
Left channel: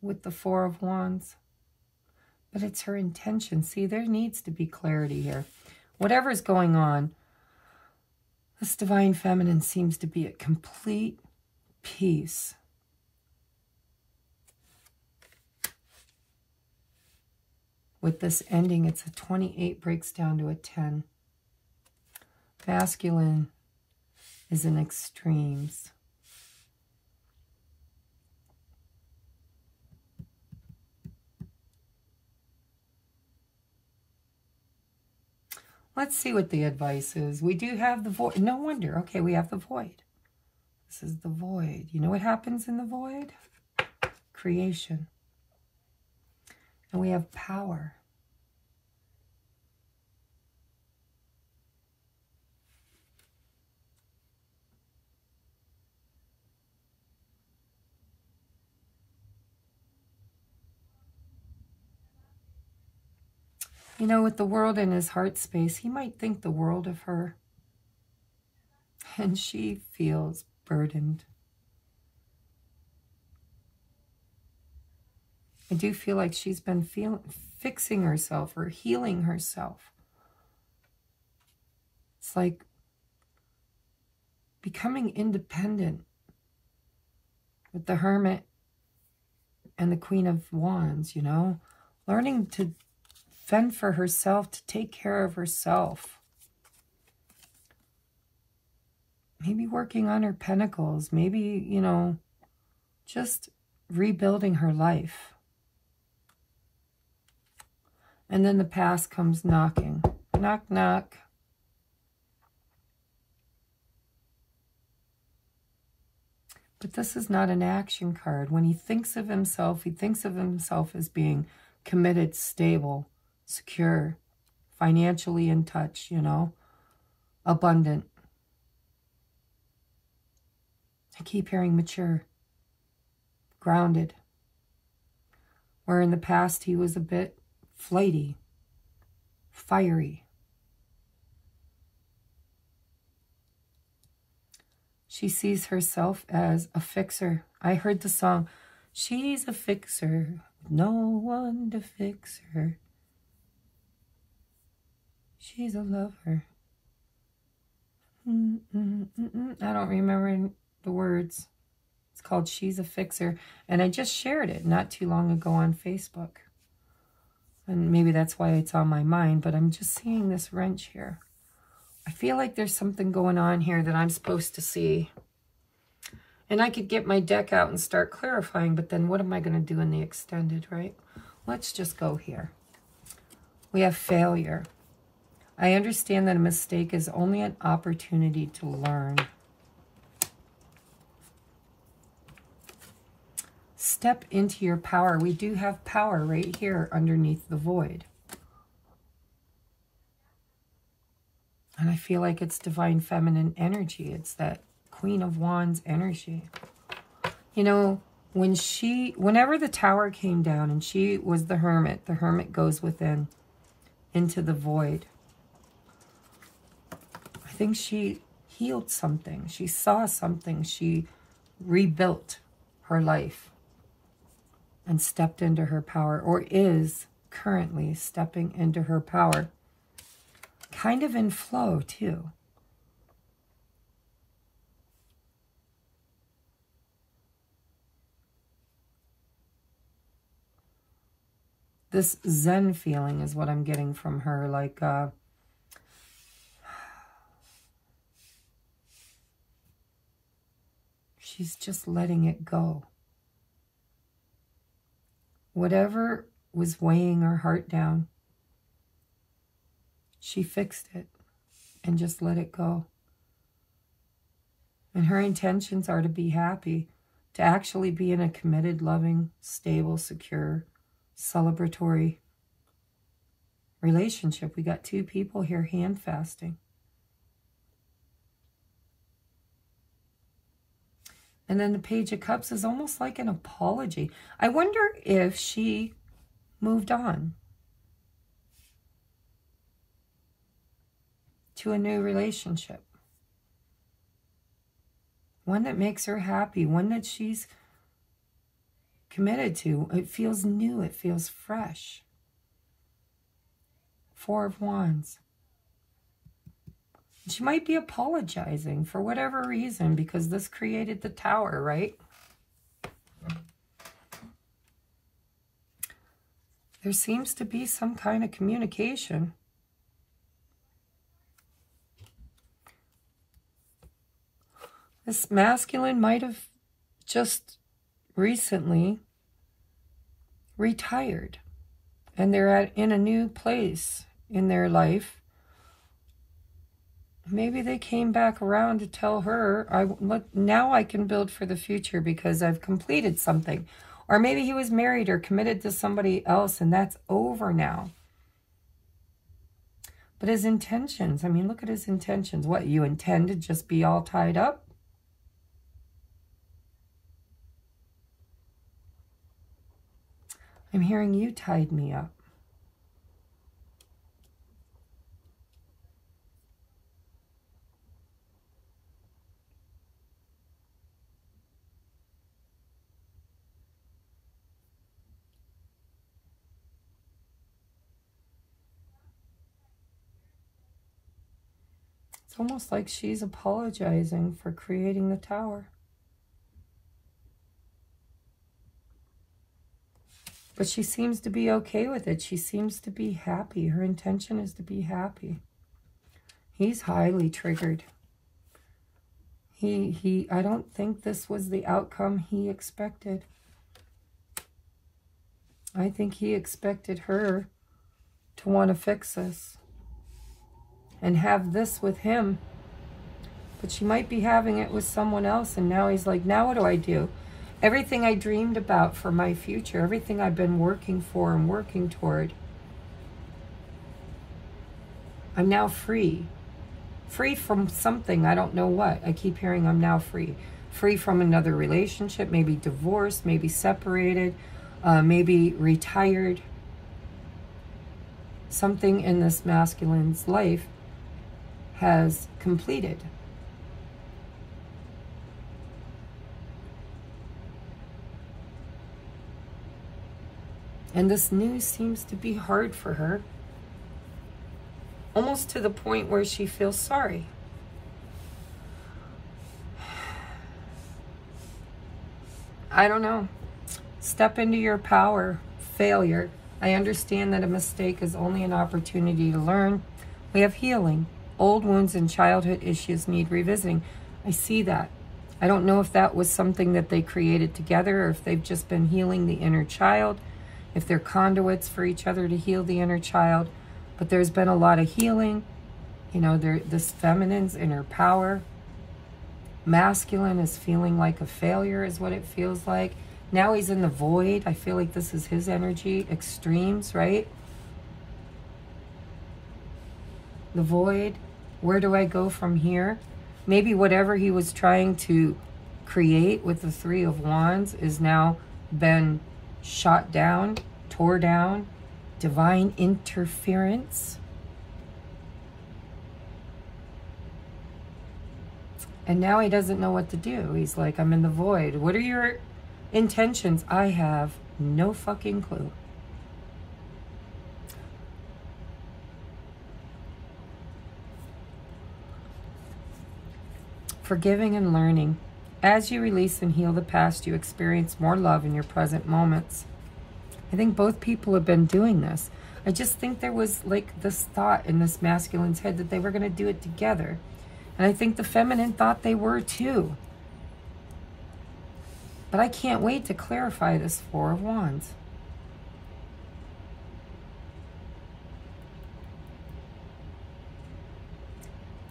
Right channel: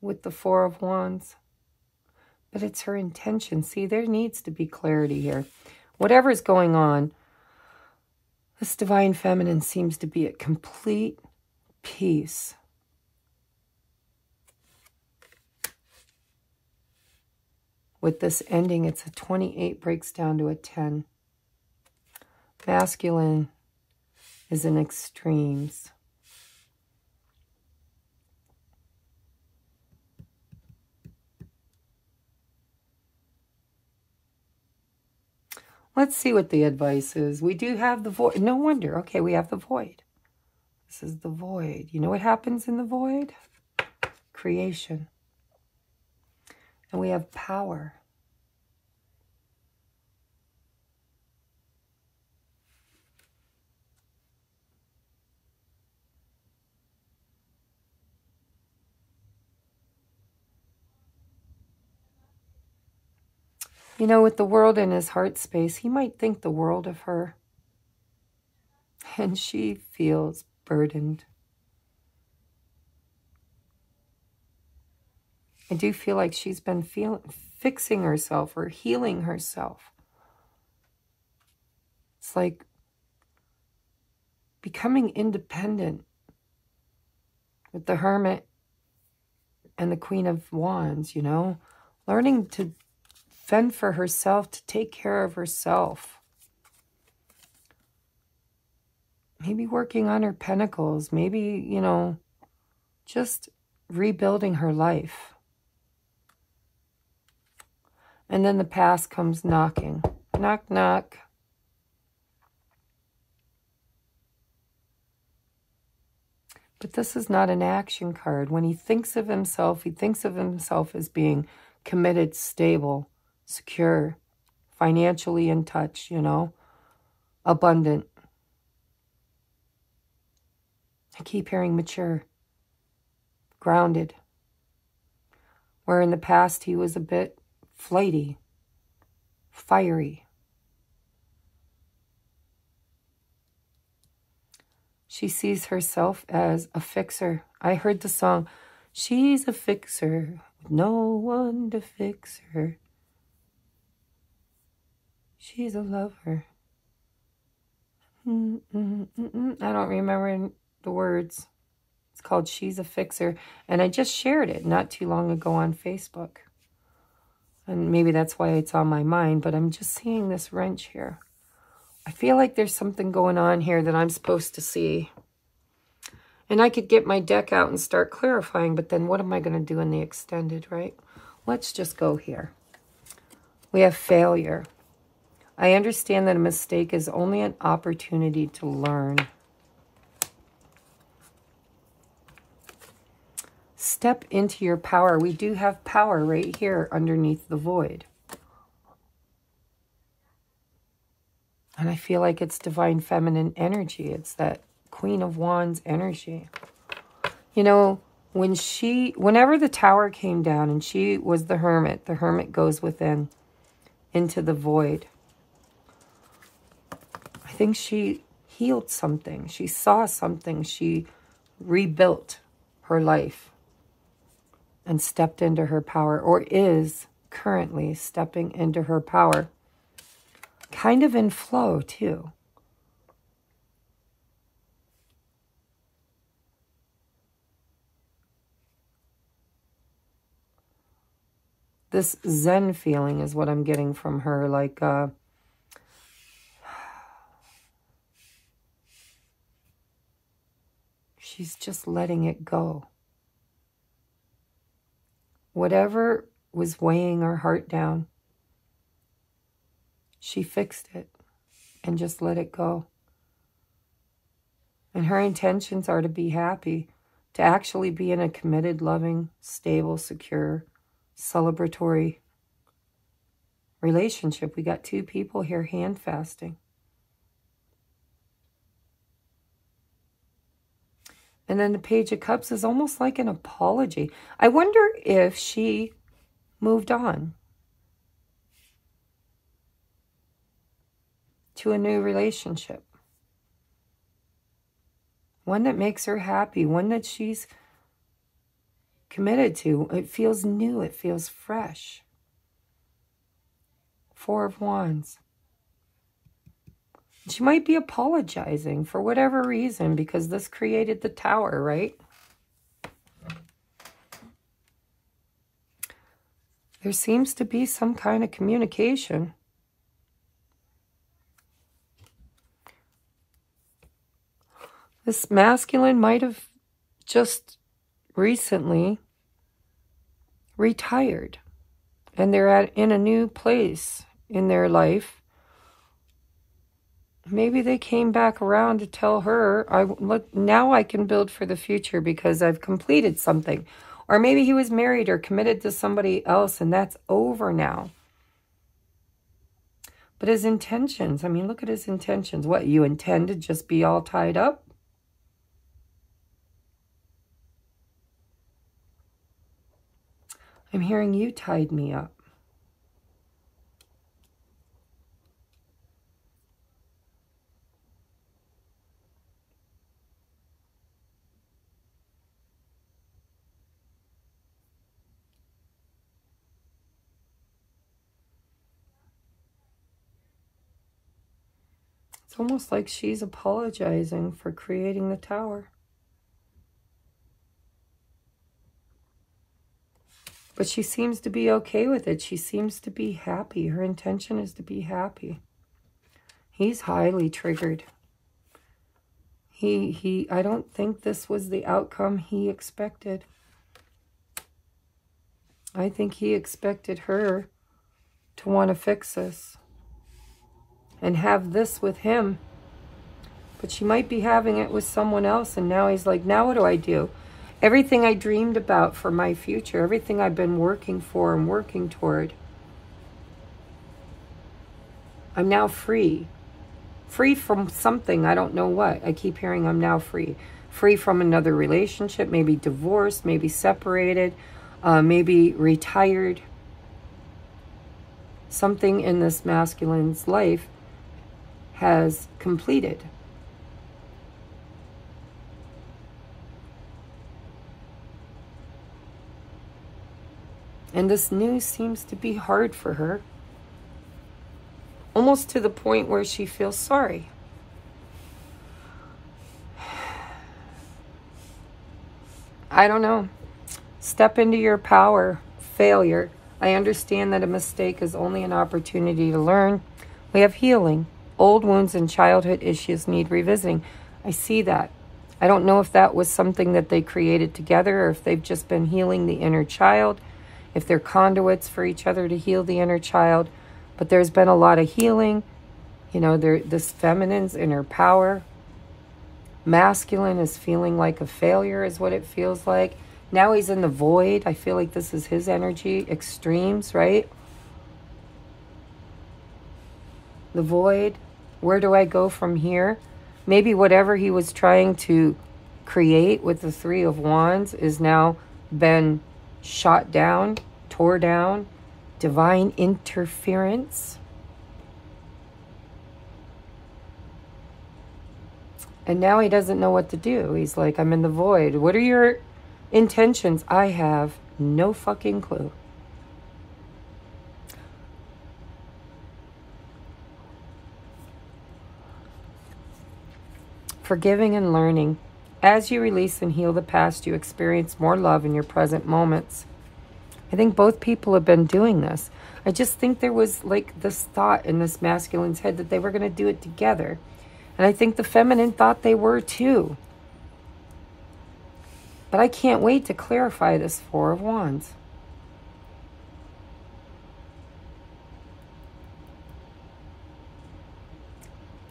with the Four of Wands. But it's her intention. See, there needs to be clarity here. Whatever's going on, this Divine Feminine seems to be at complete peace. With this ending, it's a 28, breaks down to a 10. Masculine is in extremes. Let's see what the advice is. We do have the void. No wonder. Okay, we have the void. This is the void. You know what happens in the void? Creation. And we have power. You know, with the world in his heart space, he might think the world of her. And she feels burdened. I do feel like she's been fixing herself or healing herself. It's like becoming independent with the Hermit and the Queen of Wands, you know, learning to fend for herself, to take care of herself. Maybe working on her pentacles, maybe, you know, just rebuilding her life. And then the past comes knocking. Knock, knock. But this is not an action card. When he thinks of himself, he thinks of himself as being committed, stable, secure, financially in touch, you know, abundant. I keep hearing mature, grounded. Where in the past he was a bit flighty, fiery. She sees herself as a fixer. I heard the song, she's a fixer, no one to fix her. She's a lover. I don't remember the words. It's called She's a Fixer. And I just shared it not too long ago on Facebook. And maybe that's why it's on my mind, but I'm just seeing this wrench here. I feel like there's something going on here that I'm supposed to see. And I could get my deck out and start clarifying, but then what am I going to do in the extended, right? Let's just go here. We have failure. I understand that a mistake is only an opportunity to learn. Step into your power. We do have power right here underneath the void. And I feel like it's divine feminine energy. It's that Queen of Wands energy. You know, whenever the tower came down and she was the hermit goes within into the void. I think she healed something. She saw something. She rebuilt her life and stepped into her power, or is currently stepping into her power. Kind of in flow, too. This Zen feeling is what I'm getting from her, like, she's just letting it go. Whatever was weighing her heart down, she fixed it and just let it go. And her intentions are to be happy, to actually be in a committed, loving, stable, secure, celebratory relationship. We got two people here hand fasting. And then the Page of Cups is almost like an apology. I wonder if she moved on to a new relationship. One that makes her happy, one that she's committed to. It feels new, it feels fresh. Four of Wands. She might be apologizing for whatever reason because this created the tower, right? There seems to be some kind of communication. This masculine might have just recently retired and they're in a new place in their life. Maybe they came back around to tell her, now I can build for the future because I've completed something. Or maybe he was married or committed to somebody else and that's over now. But his intentions, I mean, look at his intentions. What, you intend to just be all tied up? I'm hearing you tied me up. It's almost like she's apologizing for creating the tower. But she seems to be okay with it. She seems to be happy. Her intention is to be happy. He's highly triggered. I don't think this was the outcome he expected. I think he expected her to want to fix this and have this with him. But she might be having it with someone else, and now he's like, now what do I do? Everything I dreamed about for my future, everything I've been working for and working toward, I'm now free. Free from something, I don't know what. I keep hearing I'm now free. Free from another relationship, maybe divorced, maybe separated, maybe retired. Something in this masculine's life has completed. And this news seems to be hard for her. Almost to the point where she feels sorry. I don't know. Step into your power. Failure. I understand that a mistake is only an opportunity to learn. We have healing. Old wounds and childhood issues need revisiting. I see that. I don't know if that was something that they created together or if they've just been healing the inner child, if they're conduits for each other to heal the inner child. But there's been a lot of healing. You know, this feminine's inner power. Masculine is feeling like a failure is what it feels like. Now he's in the void. I feel like this is his energy. Extremes, right? The void. Where do I go from here? Maybe whatever he was trying to create with the Three of Wands is now been shot down, tore down. Divine interference. And now he doesn't know what to do. He's like, I'm in the void. What are your intentions? I have no fucking clue. Forgiving and learning. As you release and heal the past, you experience more love in your present moments. I think both people have been doing this. I just think there was like this thought in this masculine's head that they were going to do it together. And I think the feminine thought they were too. But I can't wait to clarify this Four of Wands.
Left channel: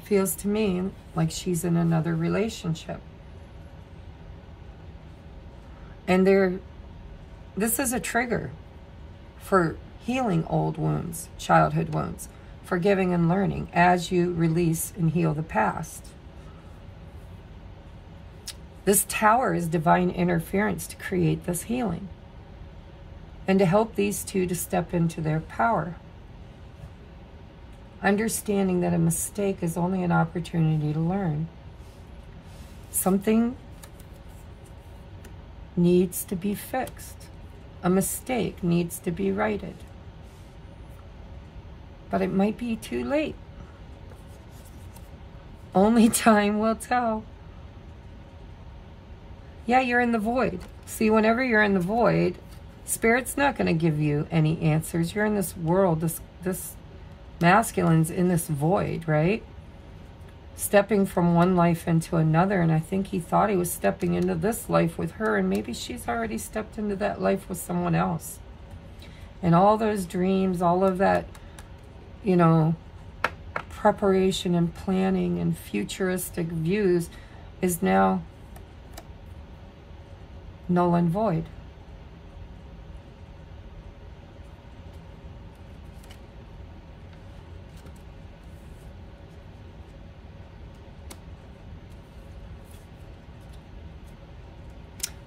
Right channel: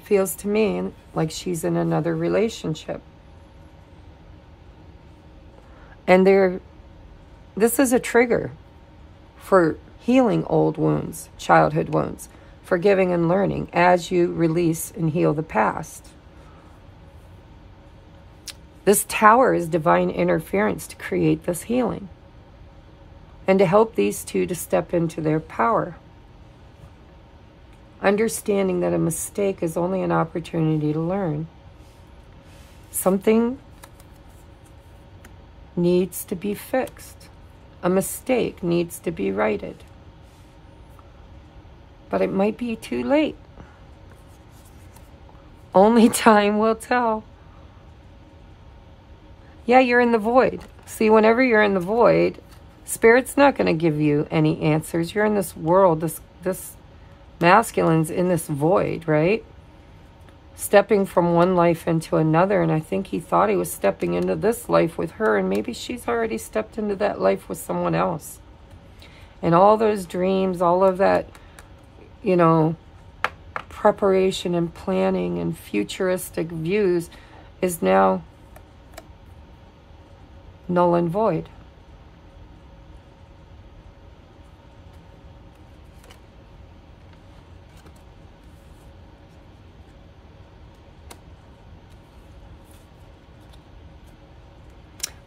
Feels to me like she's in another relationship. And this is a trigger for healing old wounds, childhood wounds, forgiving and learning as you release and heal the past. This tower is divine interference to create this healing and to help these two to step into their power. Understanding that a mistake is only an opportunity to learn. Something needs to be fixed. A mistake needs to be righted. But it might be too late. Only time will tell. Yeah, you're in the void. See, whenever you're in the void, Spirit's not going to give you any answers. You're in this world, this masculine's in this void, right? Stepping from one life into another, and I think he thought he was stepping into this life with her, and maybe she's already stepped into that life with someone else. And all those dreams, all of that, you know, preparation and planning and futuristic views is now null and void.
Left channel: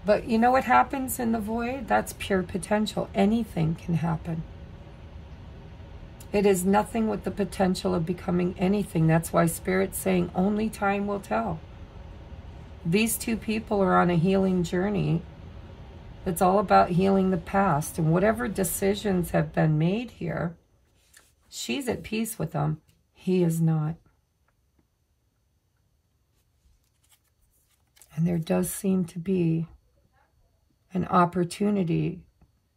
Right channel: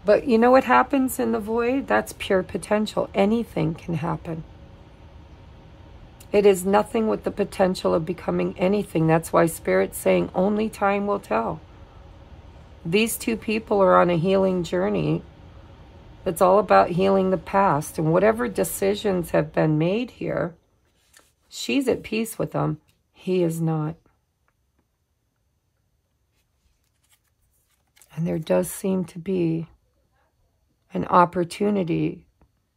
But you know what happens in the void? That's pure potential. Anything can happen. It is nothing with the potential of becoming anything. That's why Spirit's saying only time will tell. These two people are on a healing journey. It's all about healing the past. And whatever decisions have been made here, she's at peace with them. He is not. And there does seem to be an opportunity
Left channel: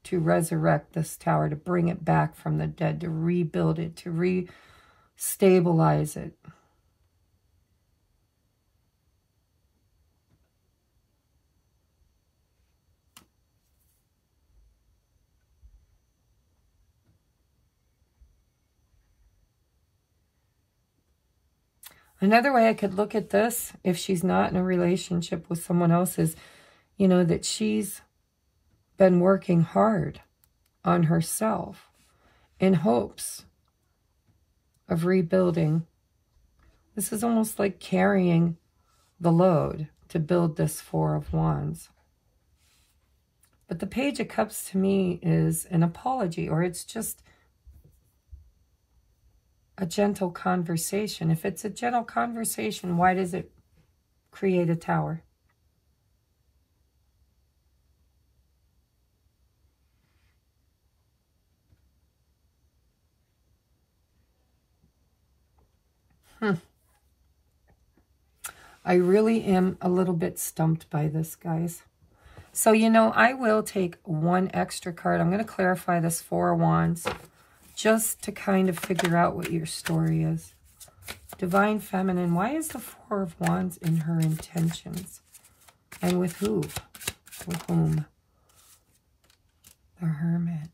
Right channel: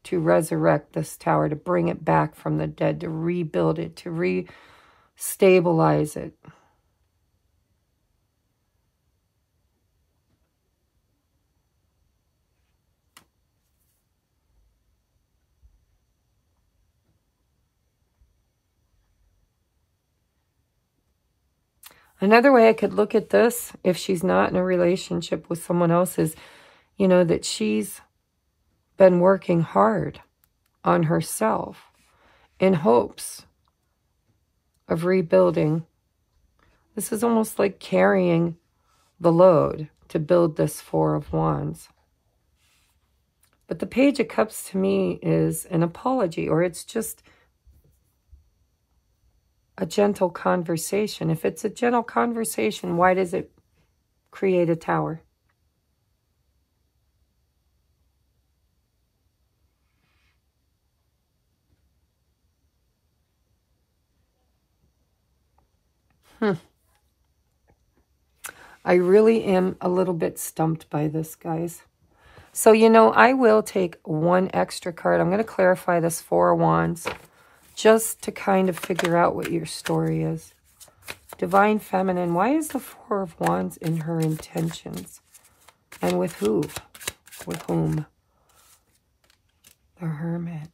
to resurrect this tower, to bring it back from the dead, to rebuild it, to re-stabilize it. Another way I could look at this, if she's not in a relationship with someone else, is, you know, that she's been working hard on herself in hopes of rebuilding. This is almost like carrying the load to build this Four of Wands. But the Page of Cups to me is an apology, or it's just a gentle conversation. If it's a gentle conversation, why does it create a tower? I really am a little bit stumped by this, guys. So, you know, I will take one extra card. I'm going to clarify this Four of Wands just to kind of figure out what your story is. Divine Feminine, why is the Four of Wands in her intentions? And with who? With whom? The Hermit.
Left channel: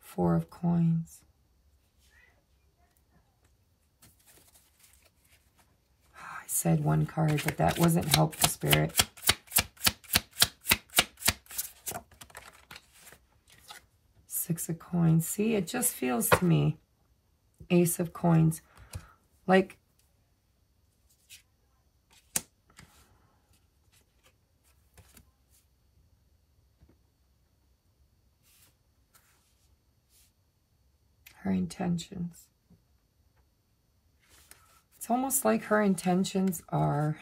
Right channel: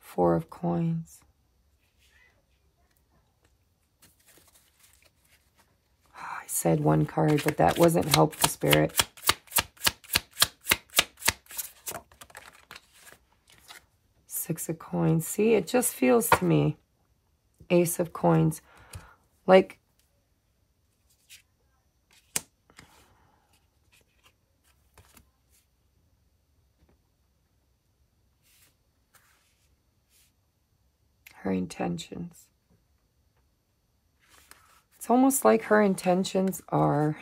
Four of Coins. I said one card, but that wasn't helpful, Spirit. Six of Coins. See, it just feels to me, Ace of Coins, like her intentions. It's almost like her intentions are,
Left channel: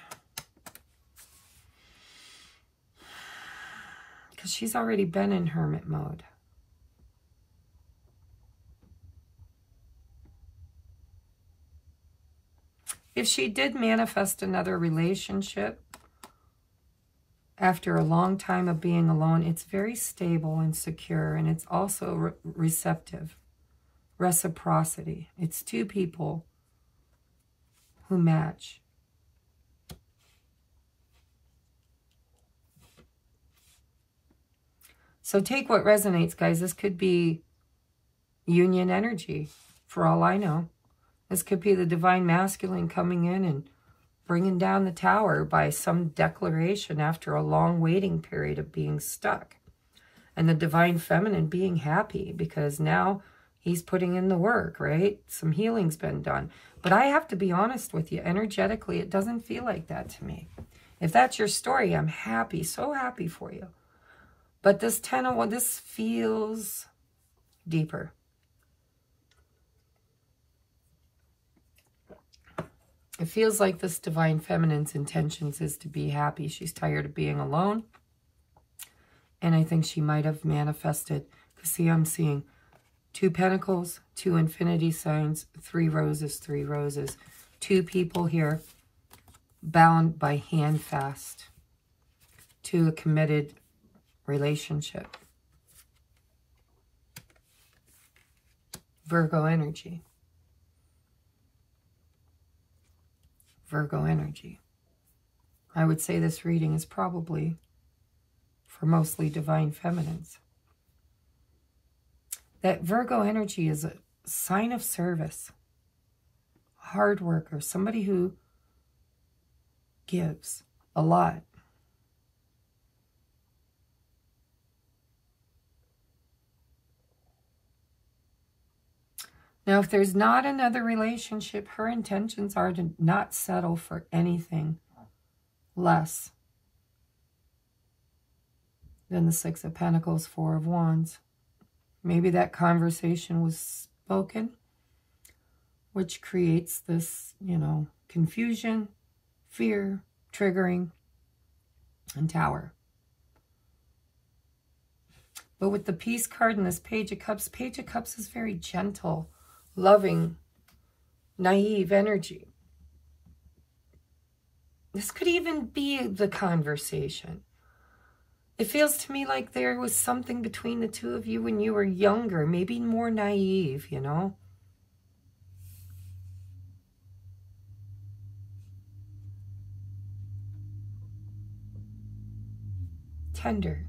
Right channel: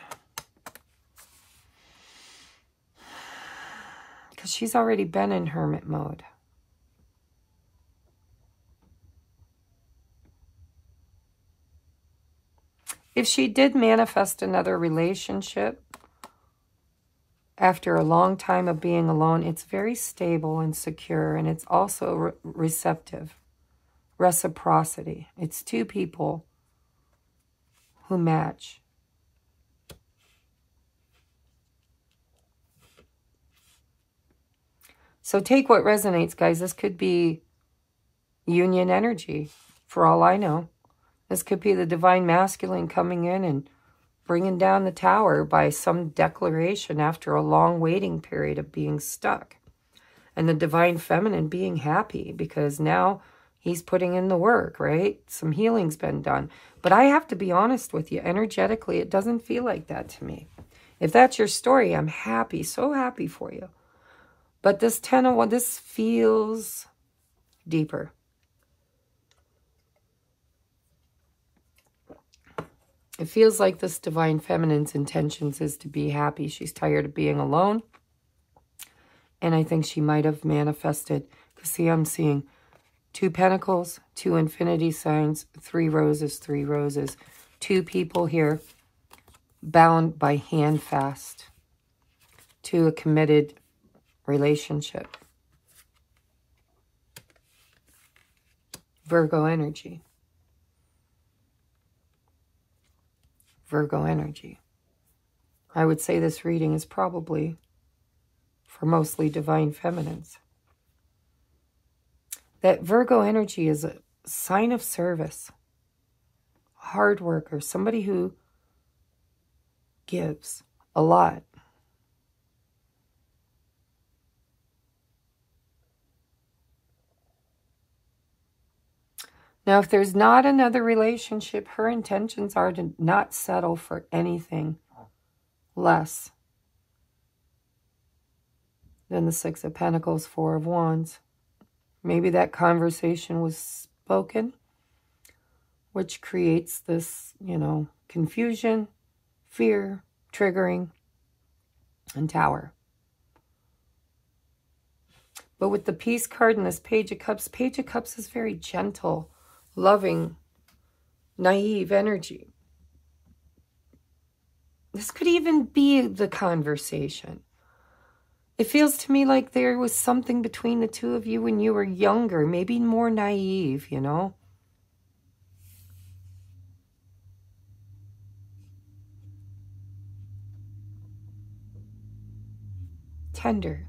because she's already been in hermit mode. If she did manifest another relationship after a long time of being alone, it's very stable and secure, and it's also receptive. Reciprocity. It's two people who match. So take what resonates, guys. This could be union energy, for all I know. This could be the Divine Masculine coming in and bringing down the tower by some declaration after a long waiting period of being stuck. And the Divine Feminine being happy because now he's putting in the work, right? Some healing's been done. But I have to be honest with you, energetically, it doesn't feel like that to me. If that's your story, I'm happy, so happy for you. But this 10 of Wands, this feels deeper. It feels like this Divine Feminine's intentions is to be happy. She's tired of being alone. And I think she might have manifested, because see, I'm seeing 2 Pentacles, 2 Infinity signs, 3 roses, 3 roses. 2 people here bound by hand fast to a committed relationship. Virgo energy. Virgo energy. I would say this reading is probably for mostly Divine Feminines. That Virgo energy is a sign of service, a hard worker, somebody who gives a lot. Now, if there's not another relationship, her intentions are to not settle for anything less than the 6 of Pentacles, 4 of Wands. Maybe that conversation was spoken, which creates this, you know, confusion, fear, triggering, and Tower. But with the Peace card and this Page of Cups is very gentle, loving, naive energy. This could even be the conversation. It feels to me like there was something between the two of you when you were younger, maybe more naive, you know? Tender.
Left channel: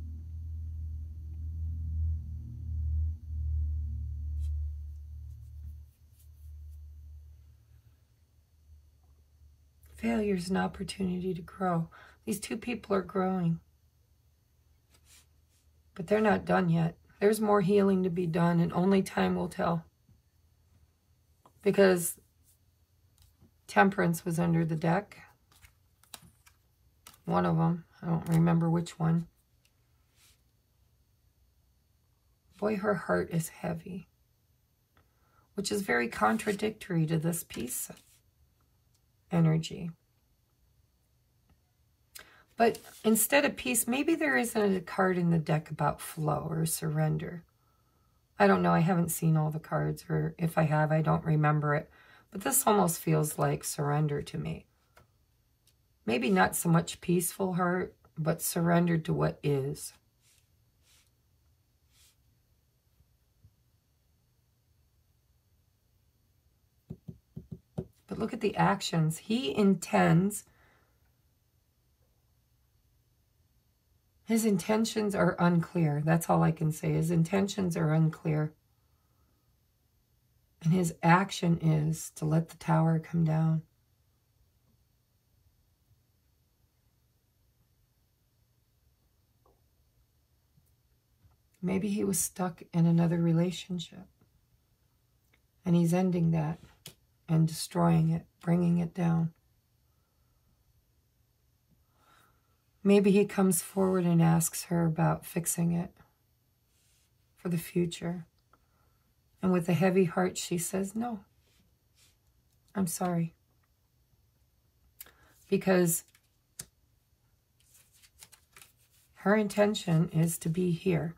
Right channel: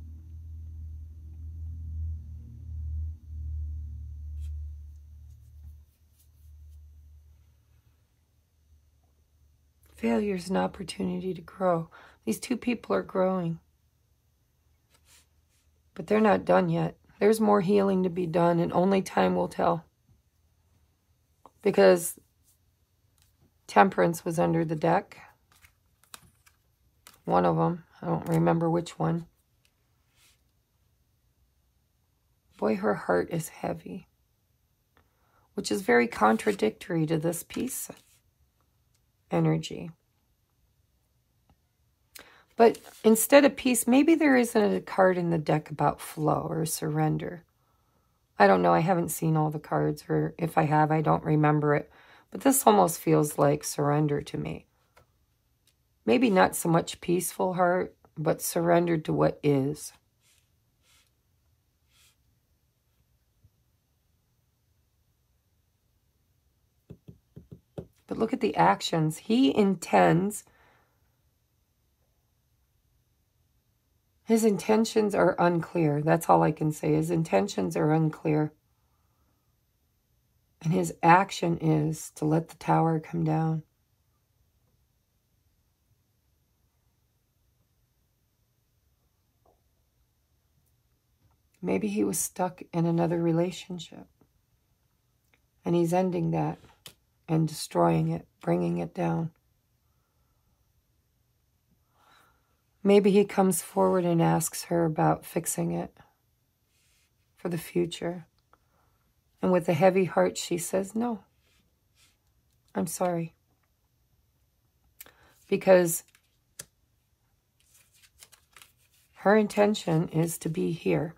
Failure is an opportunity to grow. These two people are growing. But they're not done yet. There's more healing to be done, and only time will tell. Because Temperance was under the deck. One of them. I don't remember which one. Boy, her heart is heavy. Which is very contradictory to this piece energy. But instead of peace, maybe there isn't a card in the deck about flow or surrender. I don't know. I haven't seen all the cards, or if I have, I don't remember it. But this almost feels like surrender to me. Maybe not so much peaceful heart, but surrendered to what is. But look at the actions. He intends. His intentions are unclear. That's all I can say. His intentions are unclear. And his action is to let the tower come down. Maybe he was stuck in another relationship. And he's ending that and destroying it, bringing it down. Maybe he comes forward and asks her about fixing it for the future. And with a heavy heart, she says, no, I'm sorry. Because her intention is to be here.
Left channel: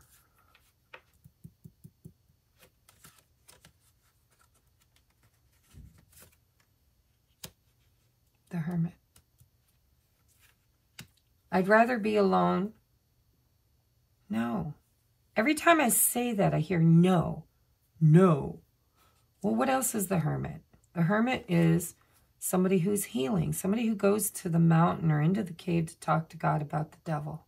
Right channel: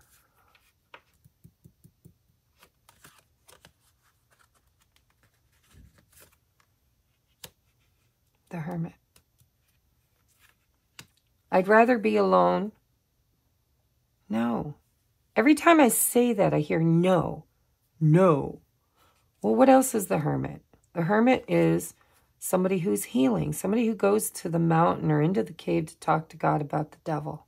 The Hermit. I'd rather be alone. No. Every time I say that, I hear no. No. Well, what else is the Hermit? The Hermit is somebody who's healing, somebody who goes to the mountain or into the cave to talk to God about the devil.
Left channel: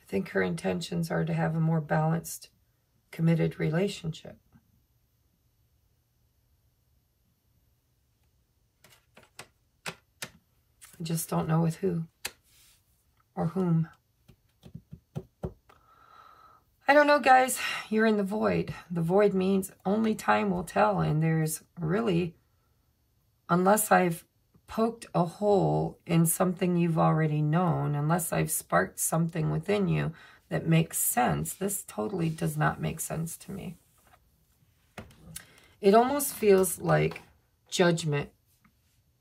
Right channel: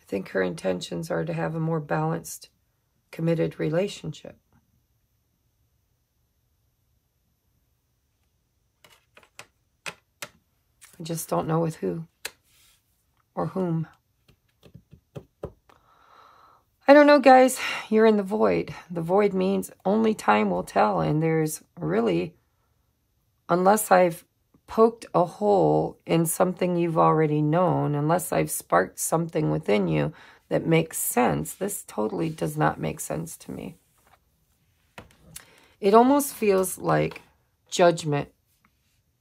I think her intentions are to have a more balanced, committed relationship. I just don't know with who or whom. I don't know, guys. You're in the void. The void means only time will tell. And there's really, unless I've poked a hole in something you've already known, unless I've sparked something within you that makes sense, this totally does not make sense to me. It almost feels like judgment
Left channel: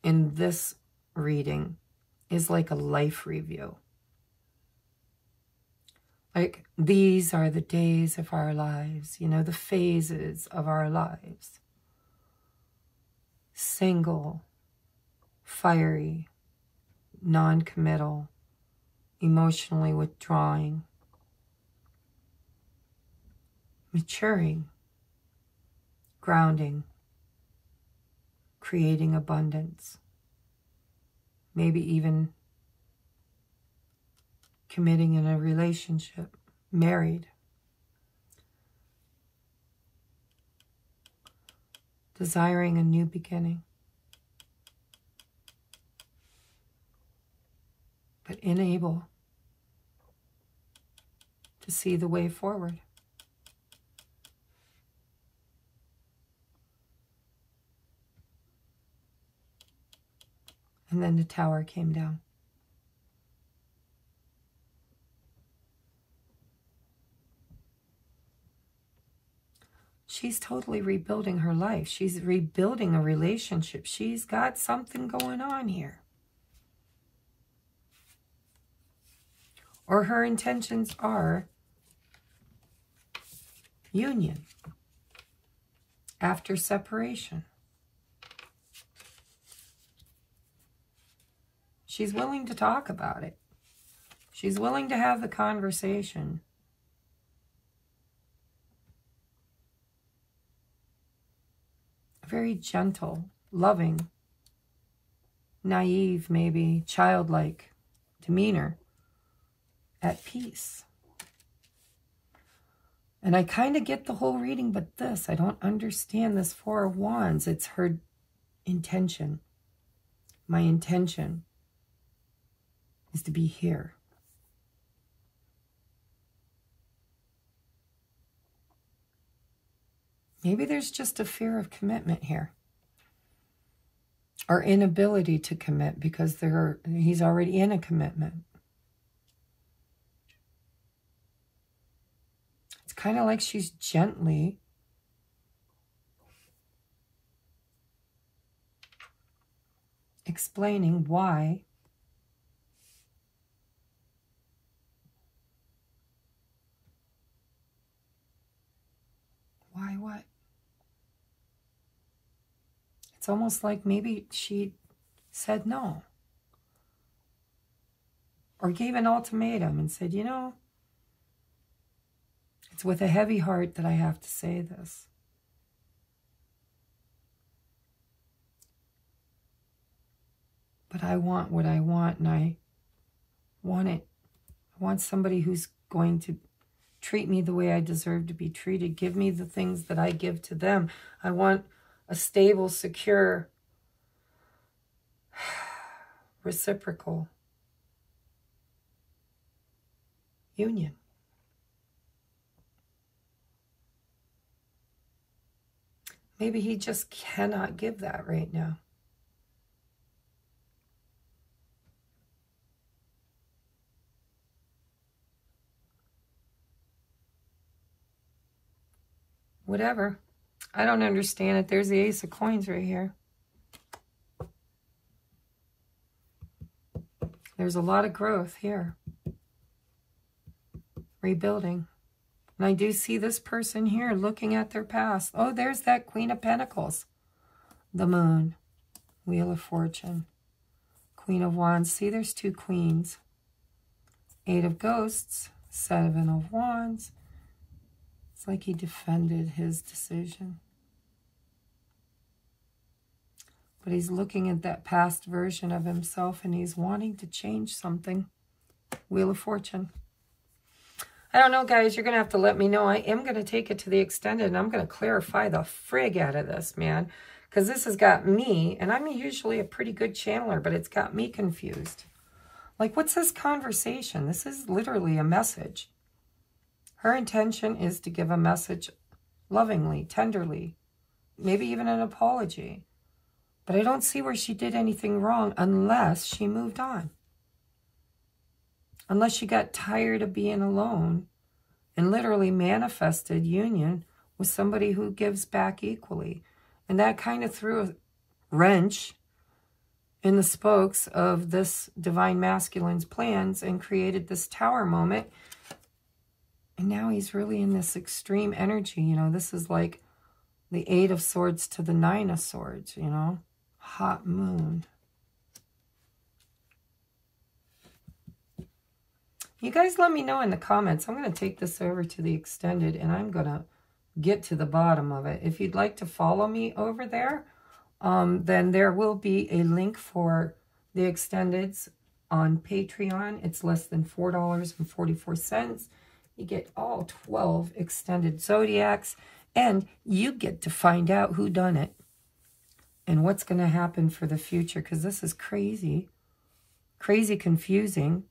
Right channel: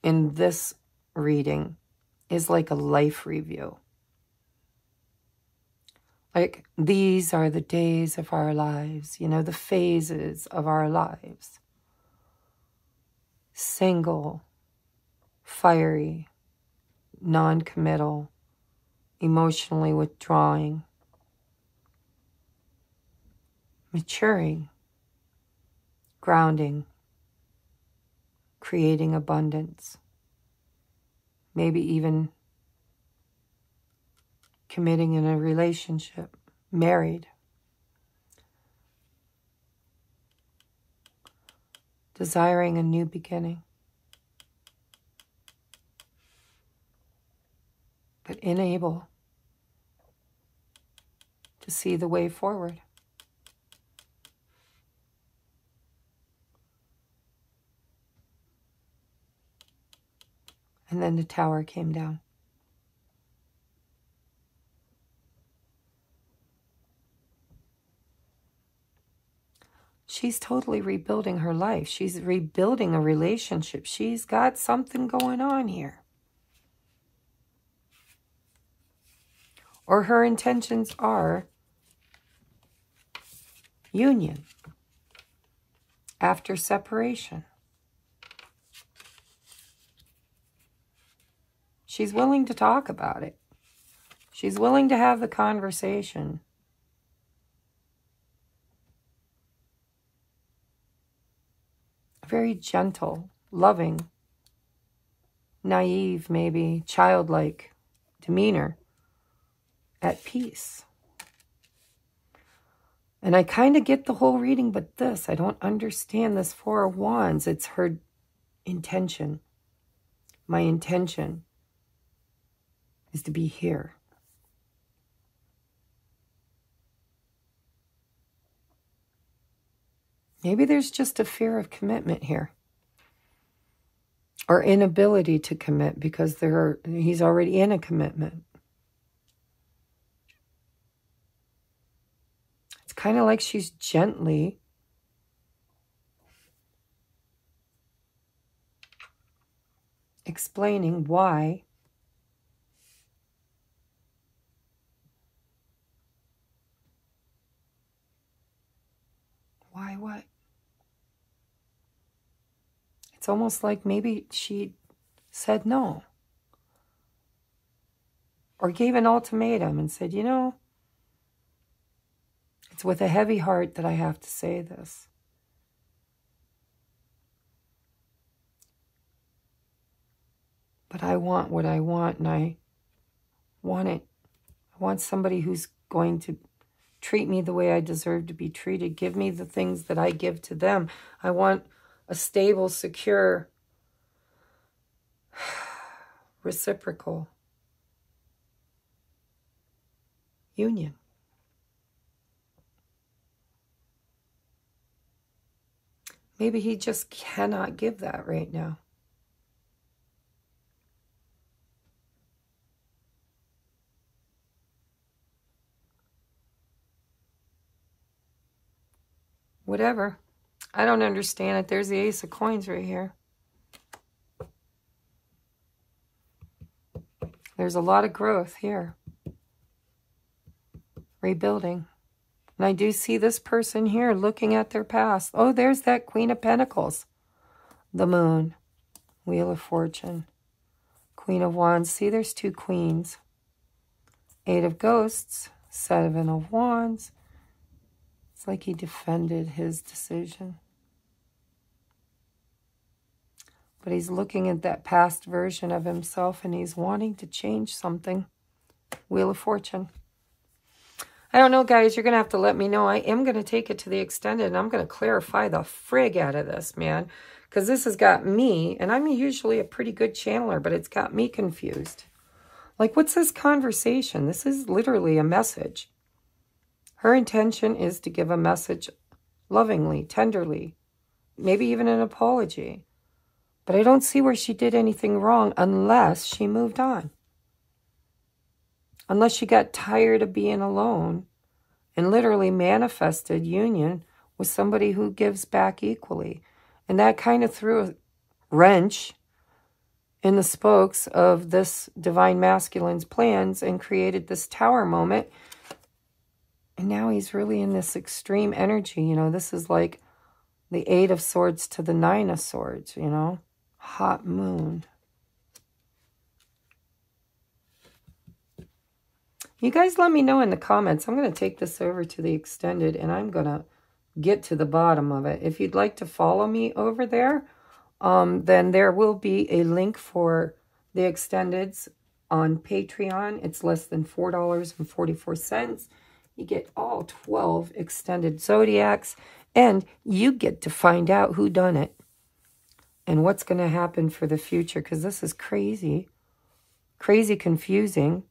in this reading is like a life review. Like, these are the days of our lives, you know, the phases of our lives. Single, fiery, non-committal, emotionally withdrawing, maturing, grounding, creating abundance, maybe even committing in a relationship, married, desiring a new beginning, but unable to see the way forward. And then the tower came down. She's totally rebuilding her life. She's rebuilding a relationship. She's got something going on here. Or her intentions are Union. After separation. She's willing to talk about it. She's willing to have the conversation. Very gentle, loving, naive, maybe childlike demeanor, at peace. And I kind of get the whole reading, but this, I don't understand this Four of Wands. It's her intention. My intention is to be here. Maybe there's just a fear of commitment here. Or inability to commit because he's already in a commitment. It's kind of like she's gently explaining why what? It's almost like maybe she said no. Or gave an ultimatum and said, you know, it's with a heavy heart that I have to say this. But I want what I want, and I want it. I want somebody who's going to treat me the way I deserve to be treated. Give me the things that I give to them. I want a stable, secure, reciprocal union. Maybe he just cannot give that right now. Whatever. I don't understand it. There's the Ace of Coins right here. There's a lot of growth here. Rebuilding. And I do see this person here looking at their past. Oh, there's that Queen of Pentacles. The Moon. Wheel of Fortune. Queen of Wands. See, there's two queens. Eight of Ghosts. Seven of Wands. It's like he defended his decision. But he's looking at that past version of himself and he's wanting to change something. Wheel of Fortune. I don't know, guys. You're going to have to let me know. I am going to take it to the extended and I'm going to clarify the frig out of this, man. Because this has got me, and I'm usually a pretty good channeler, but it's got me confused. Like, what's this conversation? This is literally a message. Her intention is to give a message lovingly, tenderly, maybe even an apology. But I don't see where she did anything wrong unless she moved on. Unless she got tired of being alone and literally manifested union with somebody who gives back equally. And that kind of threw a wrench in the spokes of this divine masculine's plans and created this tower moment. And now he's really in this extreme energy. You know, this is like the Eight of Swords to the Nine of Swords, you know. Hot moon. You guys let me know in the comments. I'm going to take this over to the extended and I'm going to get to the bottom of it. If you'd like to follow me over there, then there will be a link for the extendeds on Patreon. It's less than $4.44. You get all 12 extended zodiacs, and you get to find out who done it and what's going to happen for the future, because this is crazy, crazy confusing.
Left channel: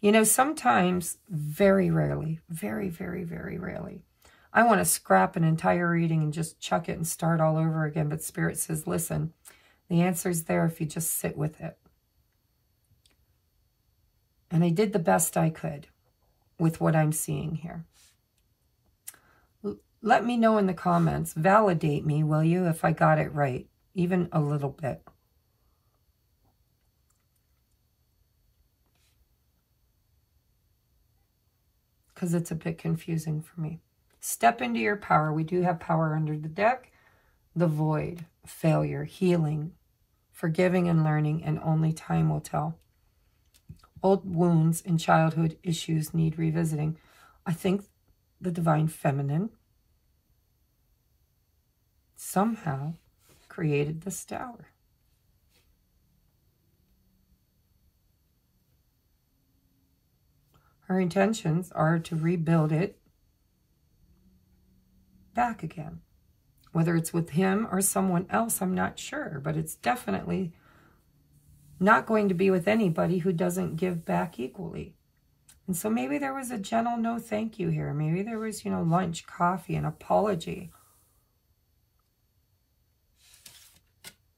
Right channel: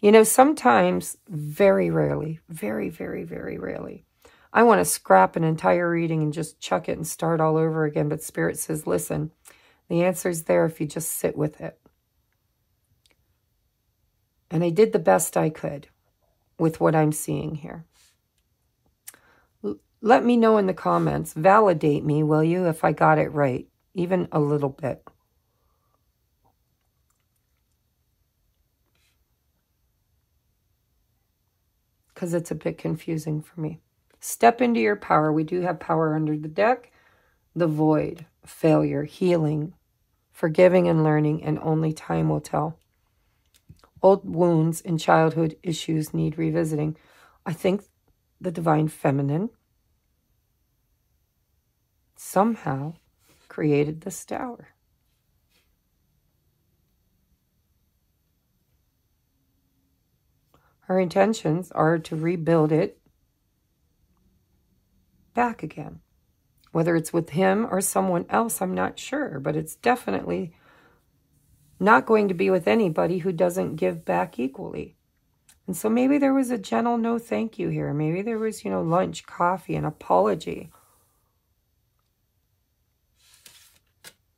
You know, sometimes, very rarely, very, very, very rarely, I want to scrap an entire reading and just chuck it and start all over again. But Spirit says, listen, the answer's there if you just sit with it. And I did the best I could with what I'm seeing here. Let me know in the comments. Validate me, will you, if I got it right, even a little bit. Because it's a bit confusing for me. Step into your power. We do have power under the deck. The void, failure, healing, forgiving and learning, and only time will tell. Old wounds and childhood issues need revisiting. I think the divine feminine somehow created this tower. Her intentions are to rebuild it back again. Whether it's with him or someone else, I'm not sure, but it's definitely not going to be with anybody who doesn't give back equally. And so maybe there was a gentle no thank you here. Maybe there was, you know, lunch, coffee, an apology.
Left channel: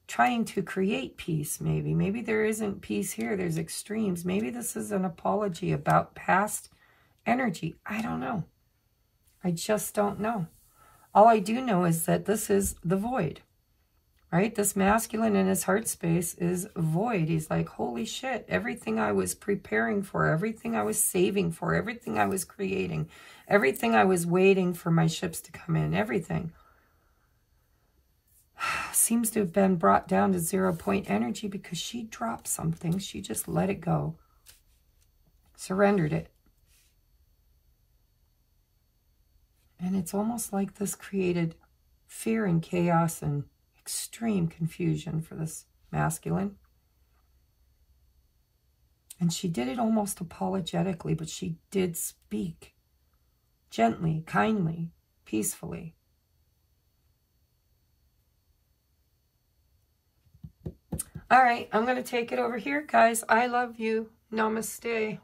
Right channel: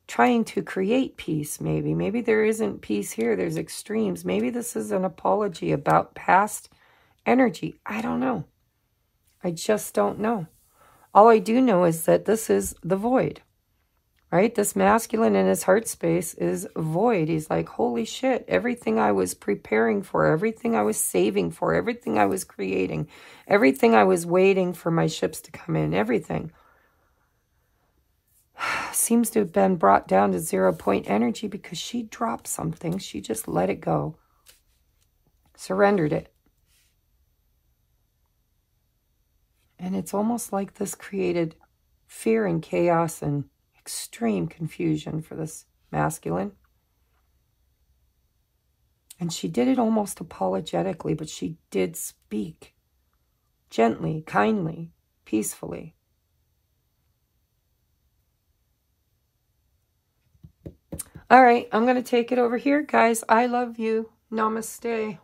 Trying to create peace, maybe. Maybe there isn't peace here. There's extremes. Maybe this is an apology about past energy. I don't know. I just don't know. All I do know is that this is the void, right? This masculine in his heart space is void. He's like, holy shit, everything I was preparing for, everything I was saving for, everything I was creating, everything I was waiting for my ships to come in, everything seems to have been brought down to 0 point energy because she dropped something. She just let it go, surrendered it. And it's almost like this created fear and chaos and extreme confusion for this masculine. And she did it almost apologetically, but she did speak gently, kindly, peacefully. All right, I'm going to take it over here, guys. I love you. Namaste.